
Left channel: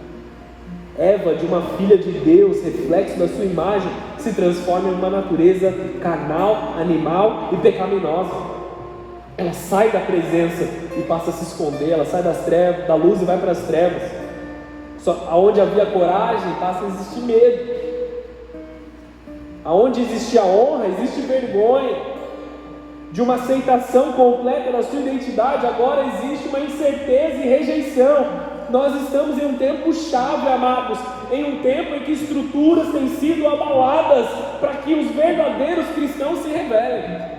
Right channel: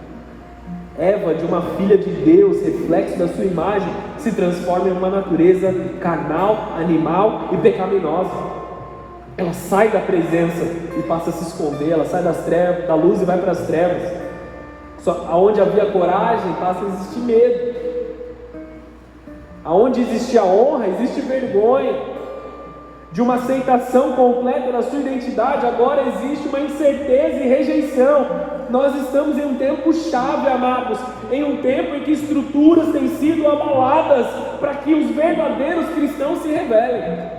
Eva, de uma filha de Deus, reflexo da sua imagem, se transforma em uma natureza carnal, animal e pecaminosa. Ela sai da presença e passa a se esconder, ela sai das trevas, da luz e vai para as trevas. Só aonde havia coragem, passa a existir medo. Aonde existia honra, existe vergonha. De uma aceitação completa da sua identidade, agora existe uma incerteza e rejeição. Nós estamos em um tempo chave, amados, em um tempo em que estruturas têm sido abaladas para que os verdadeiros cristãos se revelem.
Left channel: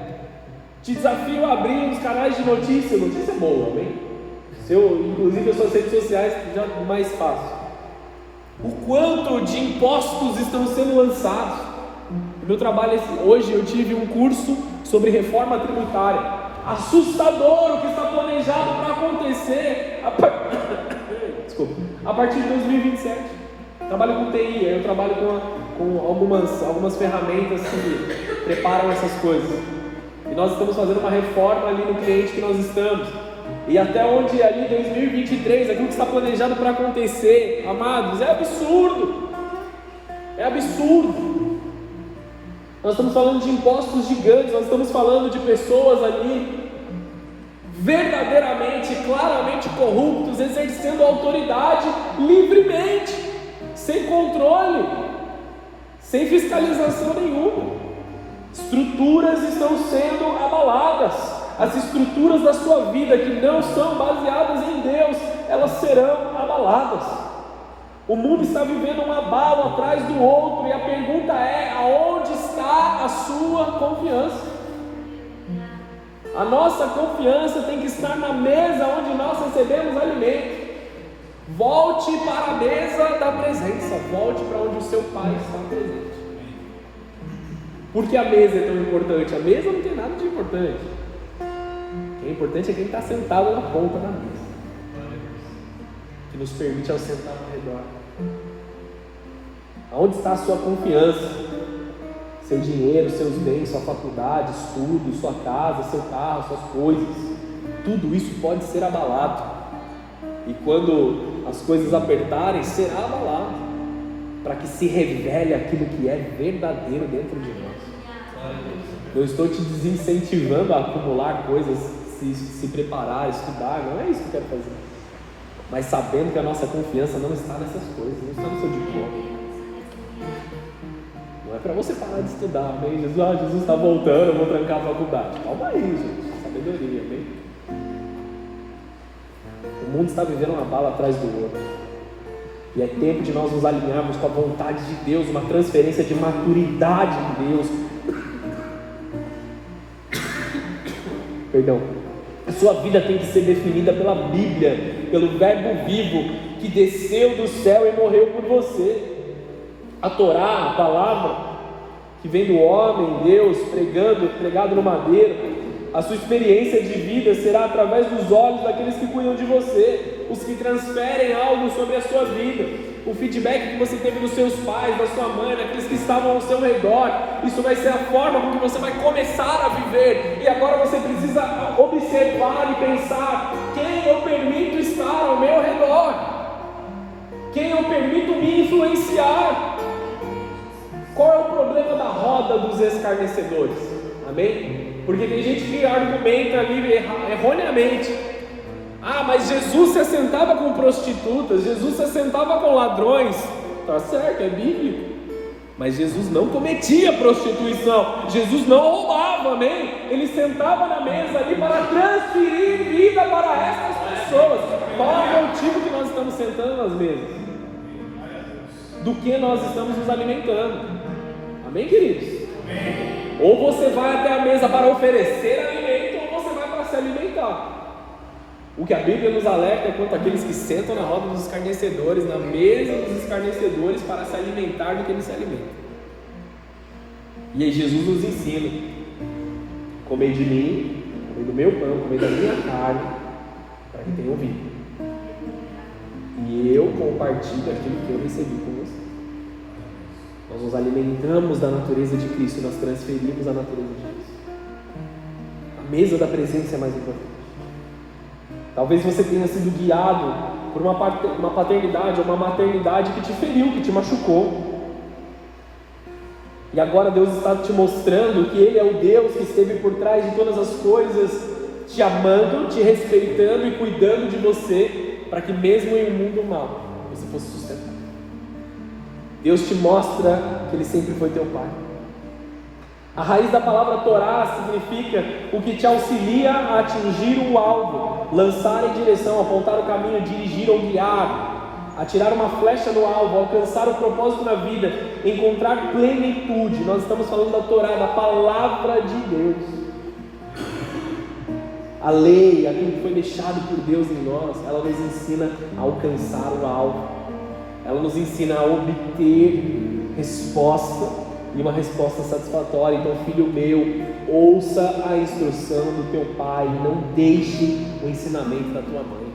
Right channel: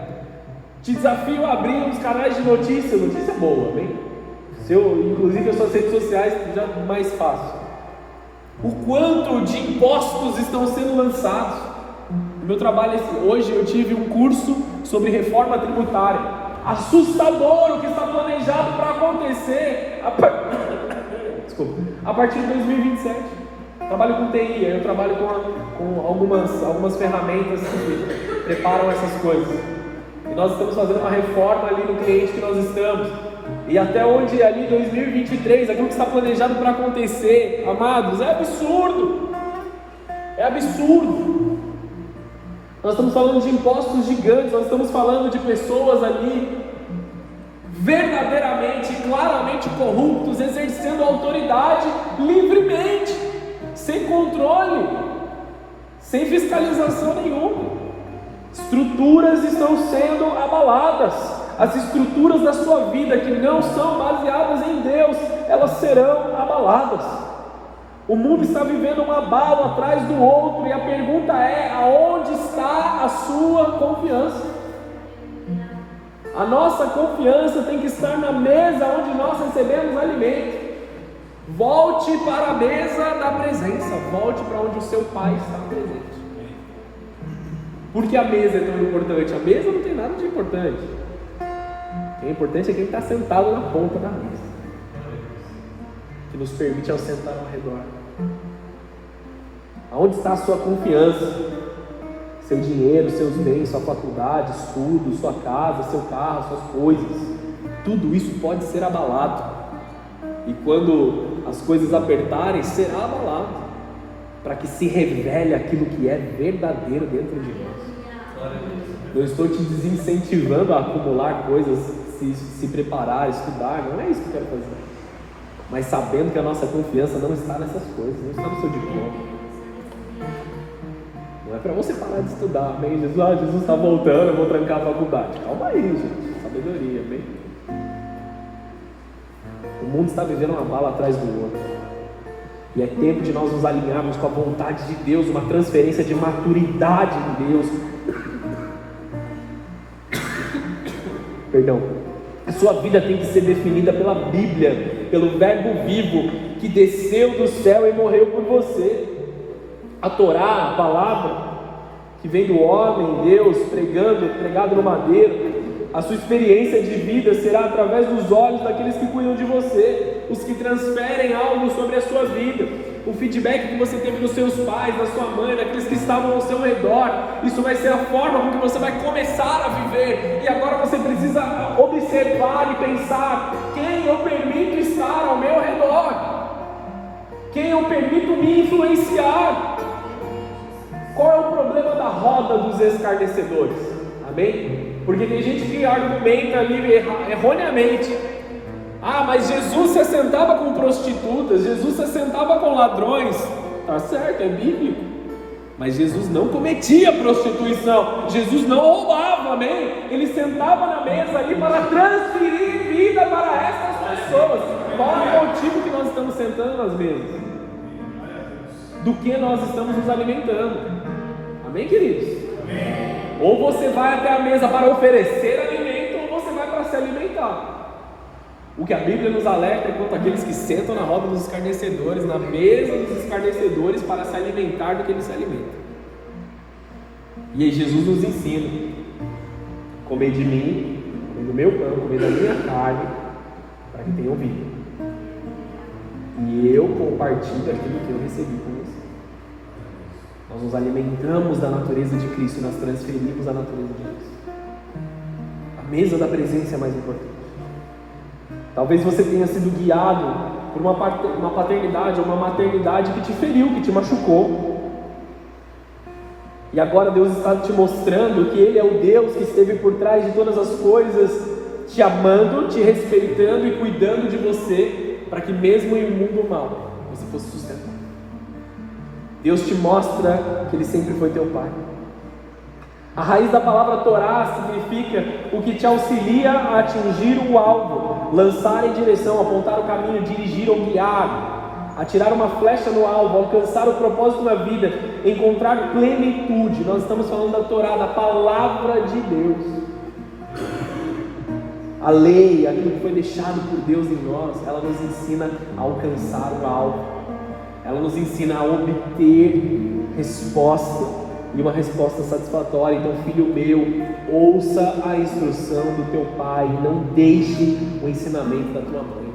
Te desafio a abrir uns canais de notícia boa, bem? Inclusive as suas redes sociais já é mais fácil. O quanto de impostos estão sendo lançados. No meu trabalho hoje eu tive um curso sobre reforma tributária. Assustador o que está planejado para acontecer a partir de 2027. Trabalho com TI, eu trabalho com algumas ferramentas que preparam essas coisas. E nós estamos fazendo uma reforma ali no cliente que nós estamos. E até onde ali em 2023, aquilo que está planejado para acontecer, amados, é absurdo. É absurdo. Nós estamos falando de impostos gigantes, nós estamos falando de pessoas ali verdadeiramente, claramente corruptos, exercendo autoridade livremente, sem controle, sem fiscalização nenhuma. Estruturas estão sendo abaladas. As estruturas da sua vida que não são baseadas em Deus, elas serão abaladas. O mundo está vivendo um abalo atrás do outro, e a pergunta é: aonde está a sua confiança? A nossa confiança tem que estar na mesa onde nós recebemos alimento. Volte para a mesa da presença, volte para onde o seu Pai está presente. Por que a mesa é tão importante? A mesa não tem nada de importante. O que é importante é quem está sentado na ponta da mesa, que nos permite ao sentar ao redor. Onde está a sua confiança? Seu dinheiro, seus bens, sua faculdade, estudo, sua casa, seu carro, suas coisas. Tudo isso pode ser abalado. E quando as coisas apertarem, será abalado, para que se revele aquilo que é verdadeiro dentro de nós. Eu estou te desincentivando a acumular coisas, se preparar, estudar, não é isso que eu quero fazer. Mas sabendo que a nossa confiança não está nessas coisas, não está no seu diploma. Não é para você parar de estudar, amém? Jesus está voltando, eu vou trancar a faculdade. Calma aí, gente, sabedoria, amém? O mundo está vivendo uma bala atrás do outro. E é tempo de nós nos alinharmos com a vontade de Deus, uma transferência de maturidade de Deus. Perdão. A sua vida tem que ser definida pela Bíblia, pelo Verbo vivo que desceu do céu e morreu por você. A Torá, a palavra que vem do homem, Deus, pregado no madeiro. A sua experiência de vida será através dos olhos daqueles que cuidam de você, os que transferem algo sobre a sua vida. O feedback que você teve dos seus pais, da sua mãe, daqueles que estavam ao seu redor, isso vai ser a forma com que você vai começar a viver. E agora você precisa observar e pensar: quem eu permito estar ao meu redor? Quem eu permito me influenciar? Qual é o problema da roda dos escarnecedores? Amém? Porque tem gente que argumenta ali erroneamente: ah, mas Jesus se assentava com prostitutas, Jesus se assentava com ladrões. Tá certo, é bíblico. Mas Jesus não cometia prostituição, Jesus não roubava, amém? Ele sentava na mesa ali para transferir vida para essas pessoas. Qual é o tipo que nós estamos sentando nas mesas? Do que nós estamos nos alimentando? Amém, queridos? Amém. Ou você vai até a mesa para oferecer alimento, ou você vai para se alimentar. O que a Bíblia nos alerta é quanto àqueles que sentam na roda dos escarnecedores, na mesa dos escarnecedores, para se alimentar do que eles se alimentam. E aí Jesus nos ensina: comer de mim e do meu pão, comer da minha carne, para que tenham vida. E eu compartilho aquilo que eu recebi com você. Nós nos alimentamos da natureza de Cristo, nós transferimos a natureza de Deus. A mesa da presença é mais importante. Talvez você tenha sido guiado por uma paternidade ou uma maternidade que te feriu, que te machucou. E agora Deus está te mostrando que Ele é o Deus que esteve por trás de todas as coisas, te amando, te respeitando e cuidando de você, para que mesmo em um mundo mau, você fosse sustentado. Deus te mostra que Ele sempre foi teu Pai. A raiz da palavra Torá significa o que te auxilia a atingir o alvo, lançar em direção, apontar o caminho, dirigir ou guiar, atirar uma flecha no alvo, alcançar o propósito na vida, encontrar plenitude. Nós estamos falando da Torá, da palavra de Deus. A lei, aquilo que foi deixado por Deus em nós, ela nos ensina a alcançar o alvo, ela nos ensina a obter resposta, e uma resposta satisfatória. Então, filho meu, ouça a instrução do teu pai, não deixe o ensinamento da tua mãe,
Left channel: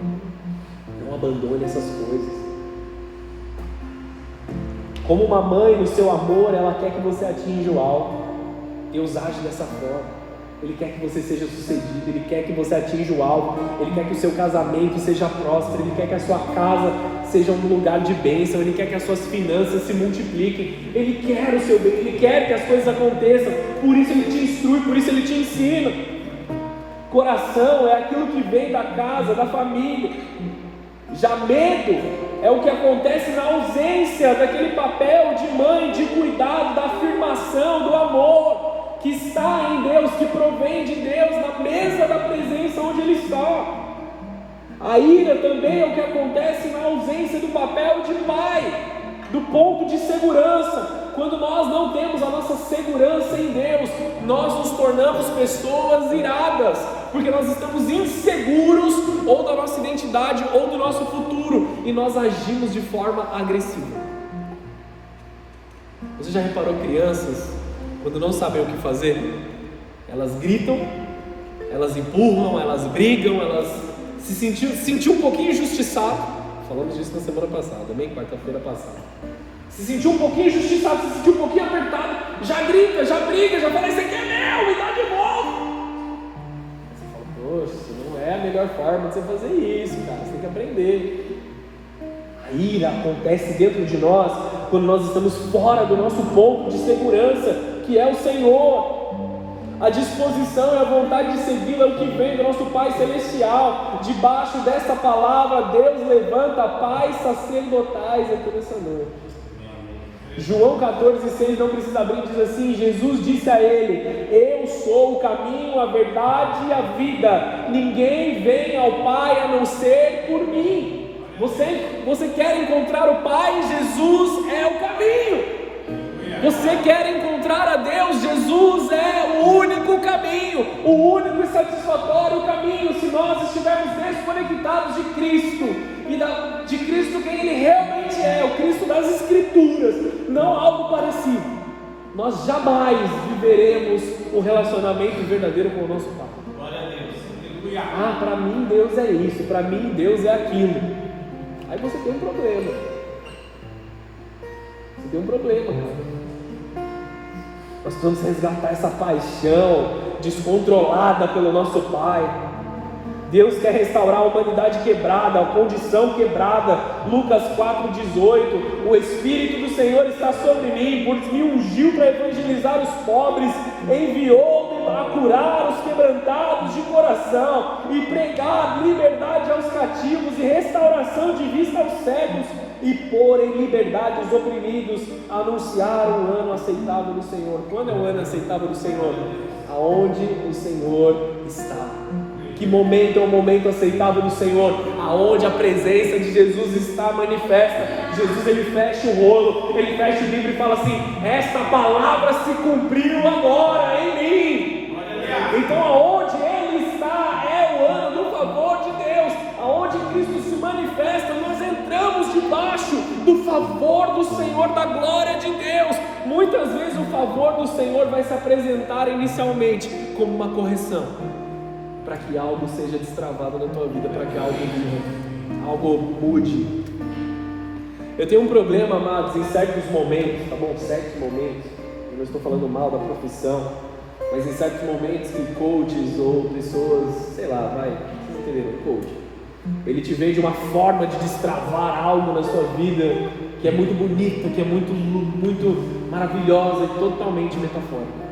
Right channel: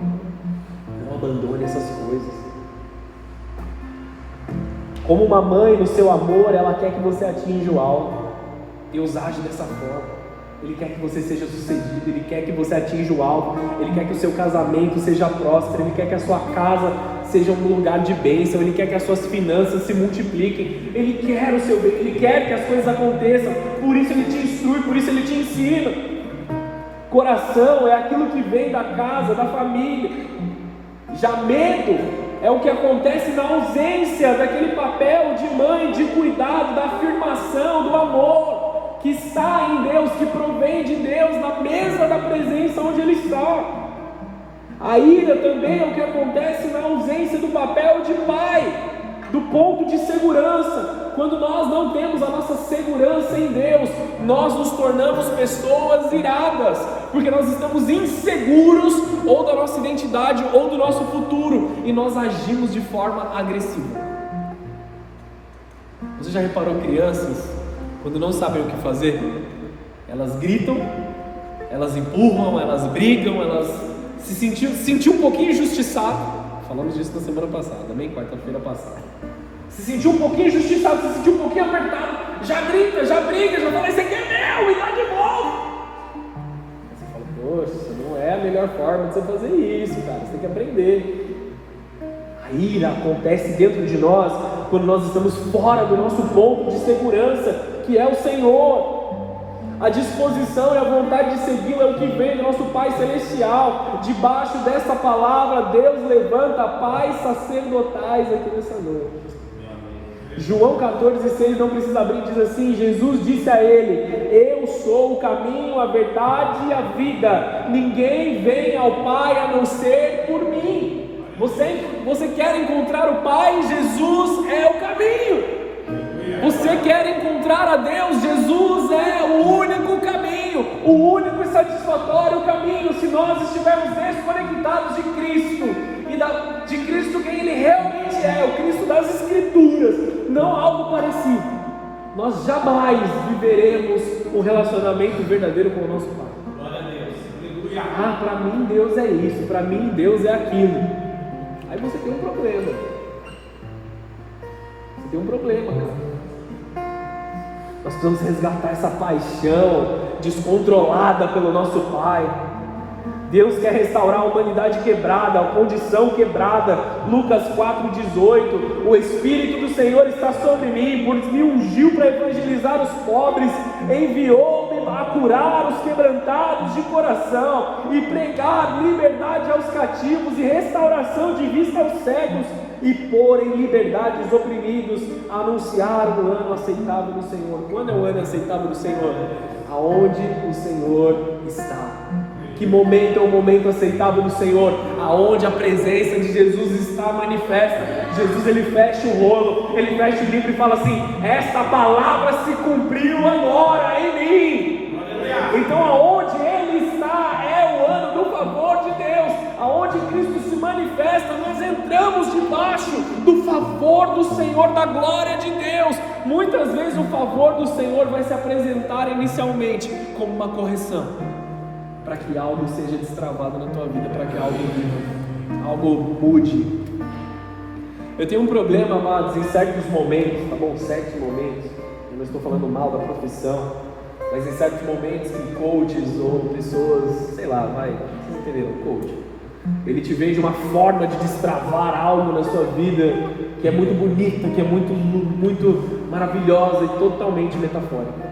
não abandone essas coisas. Como uma mãe, no seu amor, ela quer que você atinja o alvo. Deus age dessa forma. Ele quer que você seja sucedido, Ele quer que você atinja o alvo, Ele quer que o seu casamento seja próspero, Ele quer que a sua casa seja um lugar de bênção, Ele quer que as suas finanças se multipliquem, Ele quer o seu bem, Ele quer que as coisas aconteçam, por isso Ele te instrui, por isso Ele te ensina. Coração é aquilo que vem da casa, da família. Já medo é o que acontece na ausência daquele papel de mãe, de cuidado, da afirmação, do amor que está em Deus, que provém de Deus, na mesa da presença onde Ele está. A ira também é o que acontece na ausência do papel de pai, do ponto de segurança. Quando nós não temos a nossa segurança em Deus, nós nos tornamos pessoas iradas, porque nós estamos inseguros ou da nossa identidade ou do nosso futuro, e nós agimos de forma agressiva. Você já reparou crianças, quando não sabem o que fazer, elas gritam, elas empurram, elas brigam, elas se sentiu um pouquinho injustiçado. Falamos disso na semana passada, também quarta-feira passada. Se sentiu um pouquinho injustiçado, se sentiu um pouquinho apertado, já grita, já briga, já fala: isso aqui é meu, e dá de novo. Você fala: poxa, isso não é a melhor forma de você fazer isso, cara, você tem que aprender. A ira acontece dentro de nós quando nós estamos fora do nosso ponto de segurança, que é o Senhor. A disposição e a vontade de segui-lo é o que vem do nosso Pai Celestial. Debaixo dessa palavra, Deus levanta pais sacerdotais aqui nessa noite. João 14,6, não precisa abrir, diz assim: Jesus disse a ele: eu sou o caminho, a verdade e a vida. Ninguém vem ao Pai a não ser por mim. Você quer encontrar o Pai? Jesus é o caminho. Você quer encontrar a Deus? Jesus é o único caminho, o único e satisfatório caminho. Se nós estivermos desconectados de Cristo e de Cristo quem Ele realmente é, o Cristo das Escrituras, não algo parecido, nós jamais viveremos um relacionamento verdadeiro com o nosso Pai. Glória a Deus. Ah, para mim Deus é isso, para mim Deus é aquilo. Aí você tem um problema. Você tem um problema. Nós precisamos resgatar essa paixão descontrolada pelo nosso Pai. Deus quer restaurar a humanidade quebrada, a condição quebrada. Lucas 4,18: o Espírito do Senhor está sobre mim, pois me ungiu para evangelizar os pobres, enviou-me a curar os quebrantados de coração e pregar liberdade aos cativos e restauração de vista aos cegos, e pôr em liberdade os oprimidos, anunciar o ano aceitável do Senhor. Quando é o ano aceitável do Senhor? Aonde o Senhor está. Que momento é o momento aceitável do Senhor? Aonde a presença de Jesus está manifesta. Jesus, ele fecha o rolo, ele fecha o livro e fala assim: esta palavra se cumpriu agora em mim. Então aonde ele está é o ano do favor de Deus. Aonde Cristo se manifesta, nós entramos debaixo do favor do Senhor, da glória de Deus. muitas vezes o favor do Senhor vai se apresentar inicialmente como uma correção, para que algo seja destravado na tua vida, para que algo mude. Eu tenho um problema, amados, em certos momentos, eu não estou falando mal da profissão, mas em certos momentos que coaches ou pessoas, sei lá, vocês entenderam, coach, ele te vende uma forma de destravar algo na sua vida que é muito bonita, que é muito maravilhosa e totalmente metafórica.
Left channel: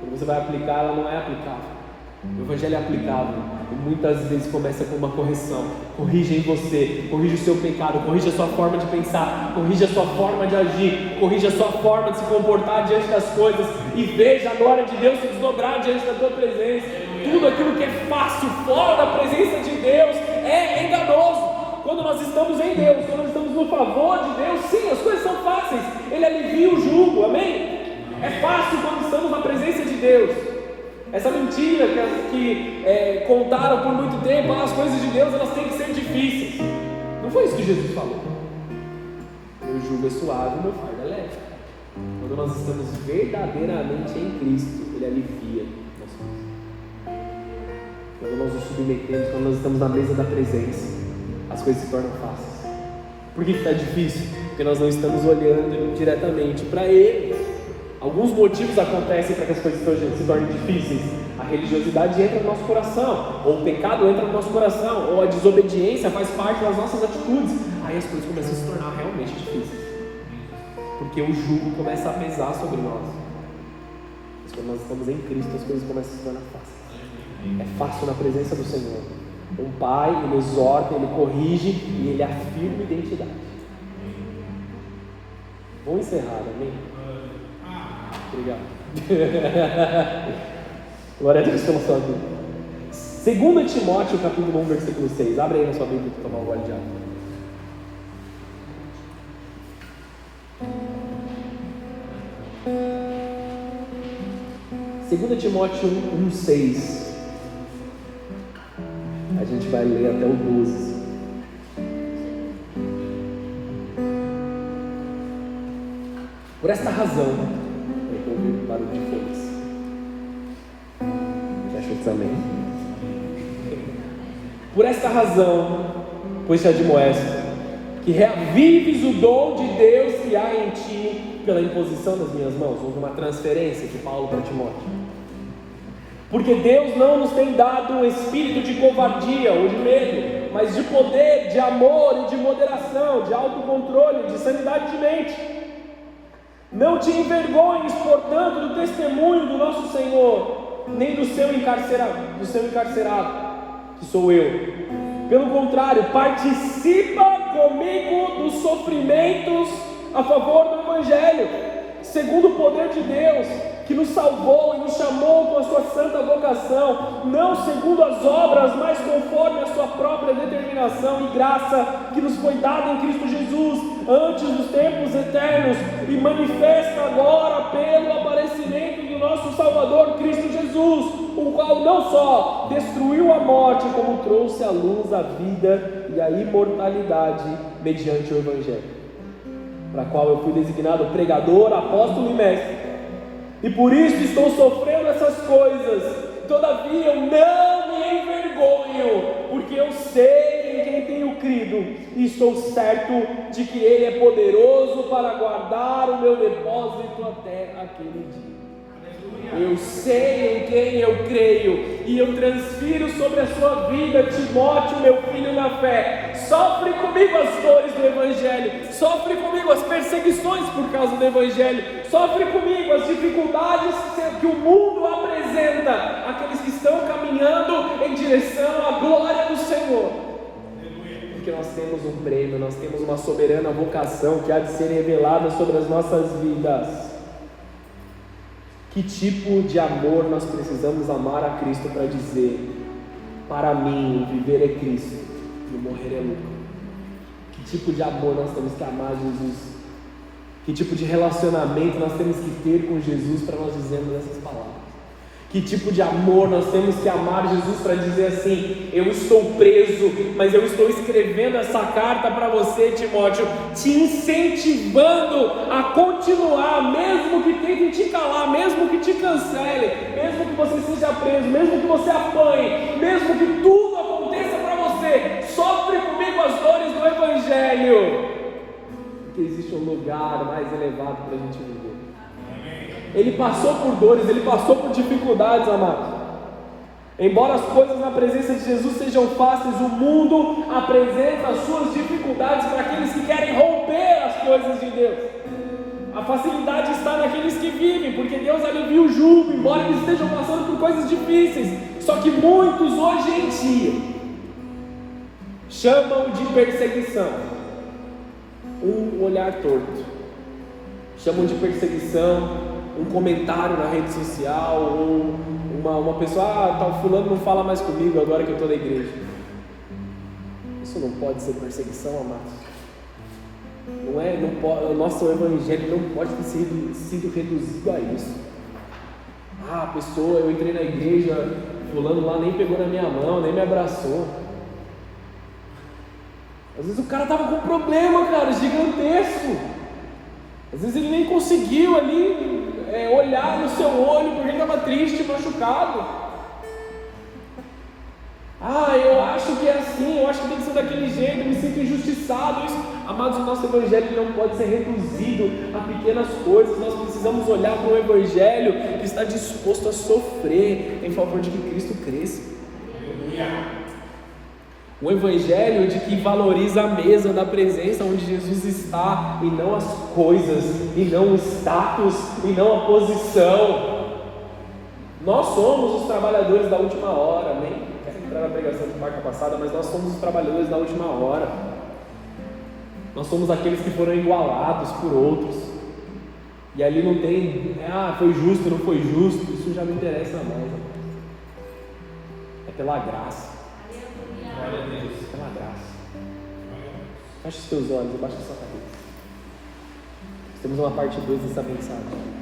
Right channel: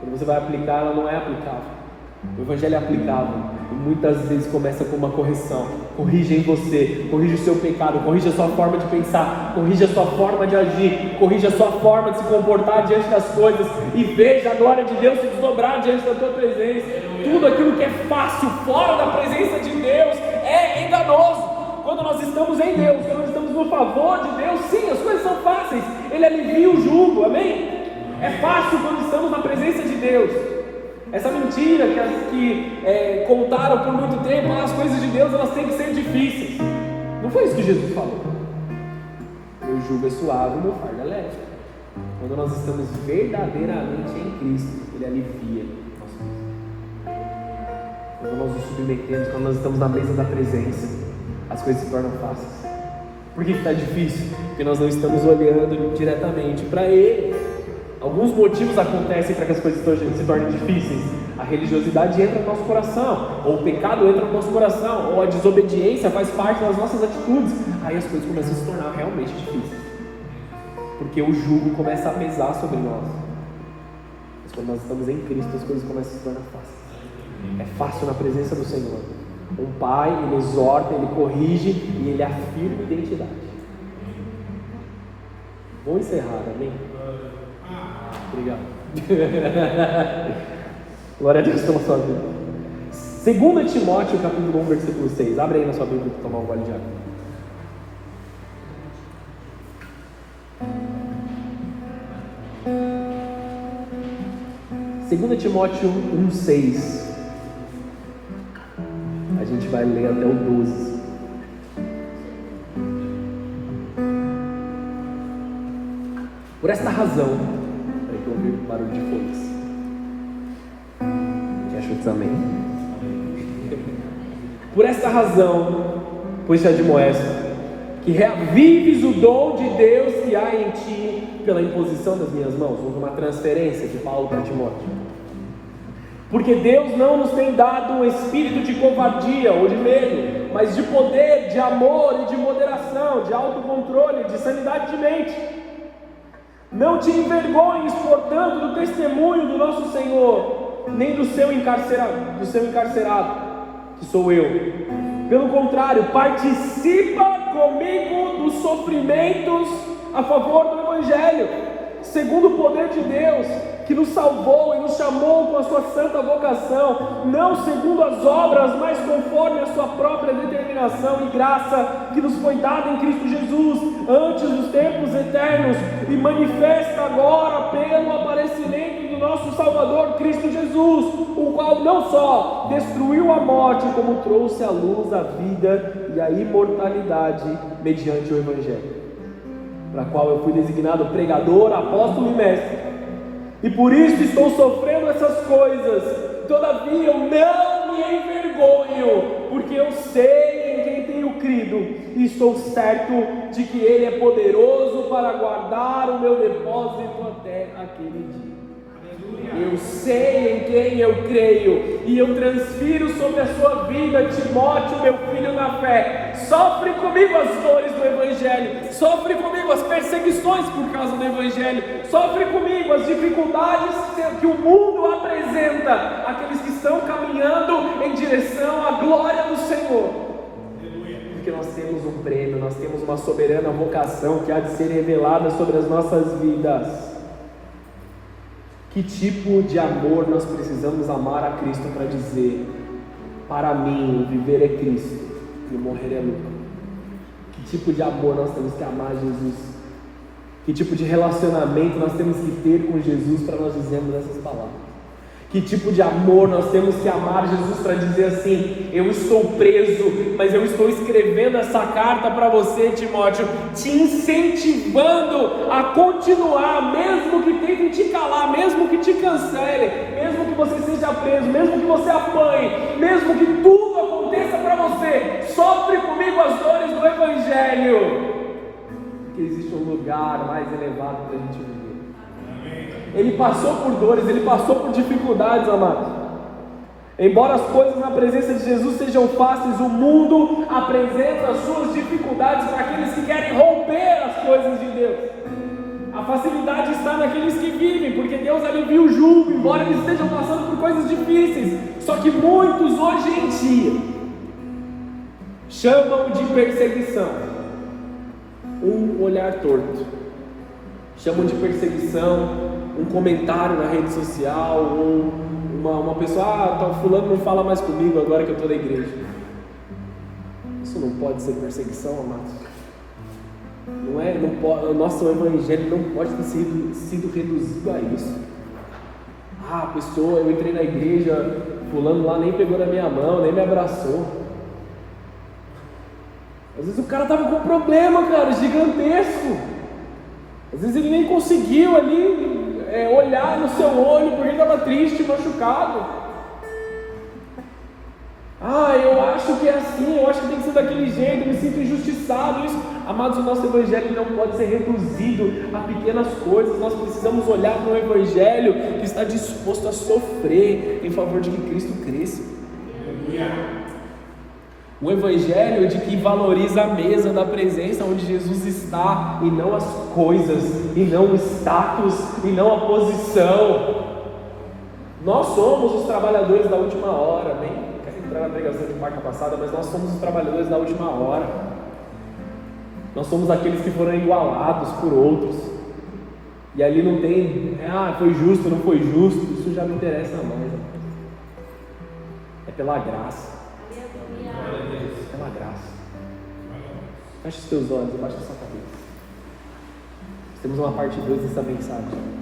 Quando você vai aplicar, ela não é aplicável. O Evangelho é aplicável e muitas vezes começa com uma correção. Corrige em você, corrige o seu pecado, corrige a sua forma de pensar, corrige a sua forma de agir, corrige a sua forma de se comportar diante das coisas e veja a glória de Deus se desdobrar diante da tua presença. Tudo aquilo que é fácil fora da presença de Deus é enganoso. Quando nós estamos em Deus, quando nós estamos no favor de Deus, sim, as coisas são fáceis. Ele alivia o jugo, amém? É fácil quando estamos na presença de Deus. Essa mentira que contaram por muito tempo, as coisas de Deus elas têm que ser difíceis. Não foi isso que Jesus falou. Meu jugo é suave e meu fardo é leve. Quando nós estamos verdadeiramente em Cristo, Ele alivia nossas coisas. Quando nós nos submetemos, quando nós estamos na mesa da presença, as coisas se tornam fáceis. Por que está difícil? Porque nós não estamos olhando diretamente para Ele. Alguns motivos acontecem para que as coisas se tornem difíceis. A religiosidade entra no nosso coração, ou o pecado entra no nosso coração, ou a desobediência faz parte das nossas atitudes. Aí as coisas começam a se tornar realmente difíceis, porque o jugo começa a pesar sobre nós. Mas quando nós estamos em Cristo, as coisas começam a se tornar fáceis. É fácil na presença do Senhor. O Pai, Ele exorta, Ele corrige e Ele afirma a identidade. Vamos encerrar, amém? Obrigado. Glória a Deus pela sua vida. 2 Timóteo, capítulo 1, versículo 6. Abre aí na sua Bíblia para tomar uma olhada. 2 Timóteo 1, 6. A gente vai ler até o 12. Por esta razão, eu ouvi um barulho de folhas. Já achou que também? Por esta razão, pois te admoesto, que reavives o dom de Deus que há em ti pela imposição das minhas mãos, uma transferência de Paulo para Timóteo. Porque Deus não nos tem dado um espírito de covardia ou de medo, mas de poder, de amor e de moderação, de autocontrole, de sanidade de mente. Não te envergonhes, portanto, do testemunho do nosso Senhor, nem do seu encarcerado, que sou eu. Pelo contrário, participa comigo dos sofrimentos a favor do Evangelho, segundo o poder de Deus, que nos salvou e nos chamou com a sua santa vocação, não segundo as obras, mas conforme a sua própria determinação e graça que nos foi dada em Cristo Jesus, antes dos tempos eternos, e manifesta agora pelo aparecimento do nosso Salvador Cristo Jesus, o qual não só destruiu a morte, como trouxe à luz a vida e a imortalidade mediante o Evangelho, para qual eu fui designado pregador, apóstolo e mestre. E por isso estou sofrendo essas coisas. Todavia eu não me envergonho, porque eu sei em quem tenho crido, e estou certo de que Ele é poderoso para guardar o meu depósito até aquele dia. Eu sei em quem eu creio, e eu transfiro sobre a sua vida, Timóteo, meu filho na fé. Sofre comigo as dores do Evangelho, sofre comigo as perseguições por causa do Evangelho, sofre comigo as dificuldades que o mundo apresenta àqueles que estão caminhando em direção à glória do Senhor. Porque nós temos um prêmio, nós temos uma soberana vocação que há de ser revelada sobre as nossas vidas. Que tipo de amor nós precisamos amar a Cristo para dizer: para mim, o viver é Cristo e o morrer é lucro? Que tipo de amor nós temos que amar Jesus? Que tipo de relacionamento nós temos que ter com Jesus para nós dizermos essas palavras? Que tipo de amor nós temos que amar Jesus para dizer assim: eu estou preso, mas eu estou escrevendo essa carta para você, Timóteo, te incentivando a continuar, mesmo que tentem te calar, mesmo que te cancelem, mesmo que você seja preso, mesmo que você apanhe, mesmo que tudo aconteça para você, sofre comigo as dores do Evangelho, porque existe um lugar mais elevado para a gente viver. Ele passou por dores, ele passou por dificuldades, amados. Embora as coisas na presença de Jesus sejam fáceis, o mundo apresenta as suas dificuldades para aqueles que querem romper as coisas de Deus. A facilidade está naqueles que vivem, porque Deus alivia o jugo, embora eles estejam passando por coisas difíceis. Só que muitos hoje em dia chamam de perseguição um olhar torto, chamam de perseguição um comentário na rede social, ou uma pessoa, fulano não fala mais comigo agora que eu estou na igreja. Isso não pode ser perseguição, amados. Não pode, o nosso evangelho não pode ter sido reduzido a isso. A pessoa, eu entrei na igreja, fulano lá nem pegou na minha mão, nem me abraçou. Às vezes o cara estava com um problema, cara, gigantesco. Às vezes ele nem conseguiu ali olhar no seu olho porque ele estava triste, machucado. Eu acho que é assim, eu acho que tem que ser daquele jeito, eu me sinto injustiçado. Isso. Amados, o nosso evangelho não pode ser reduzido a pequenas coisas. Nós precisamos olhar para um evangelho que está disposto a sofrer em favor de que Cristo cresça. O evangelho de que valoriza a mesa da presença onde Jesus está, e não as coisas, e não o status, e não a posição. Nós somos os trabalhadores da última hora, nem quero entrar na pregação de quarta passada, mas nós somos os trabalhadores da última hora. Nós somos aqueles que foram igualados por outros, e ali não tem, foi justo, não foi justo, isso já não interessa não. É pela graça. Pela graça. Feche os teus olhos e baixa essa cabeça. Temos uma parte 2 dessa mensagem.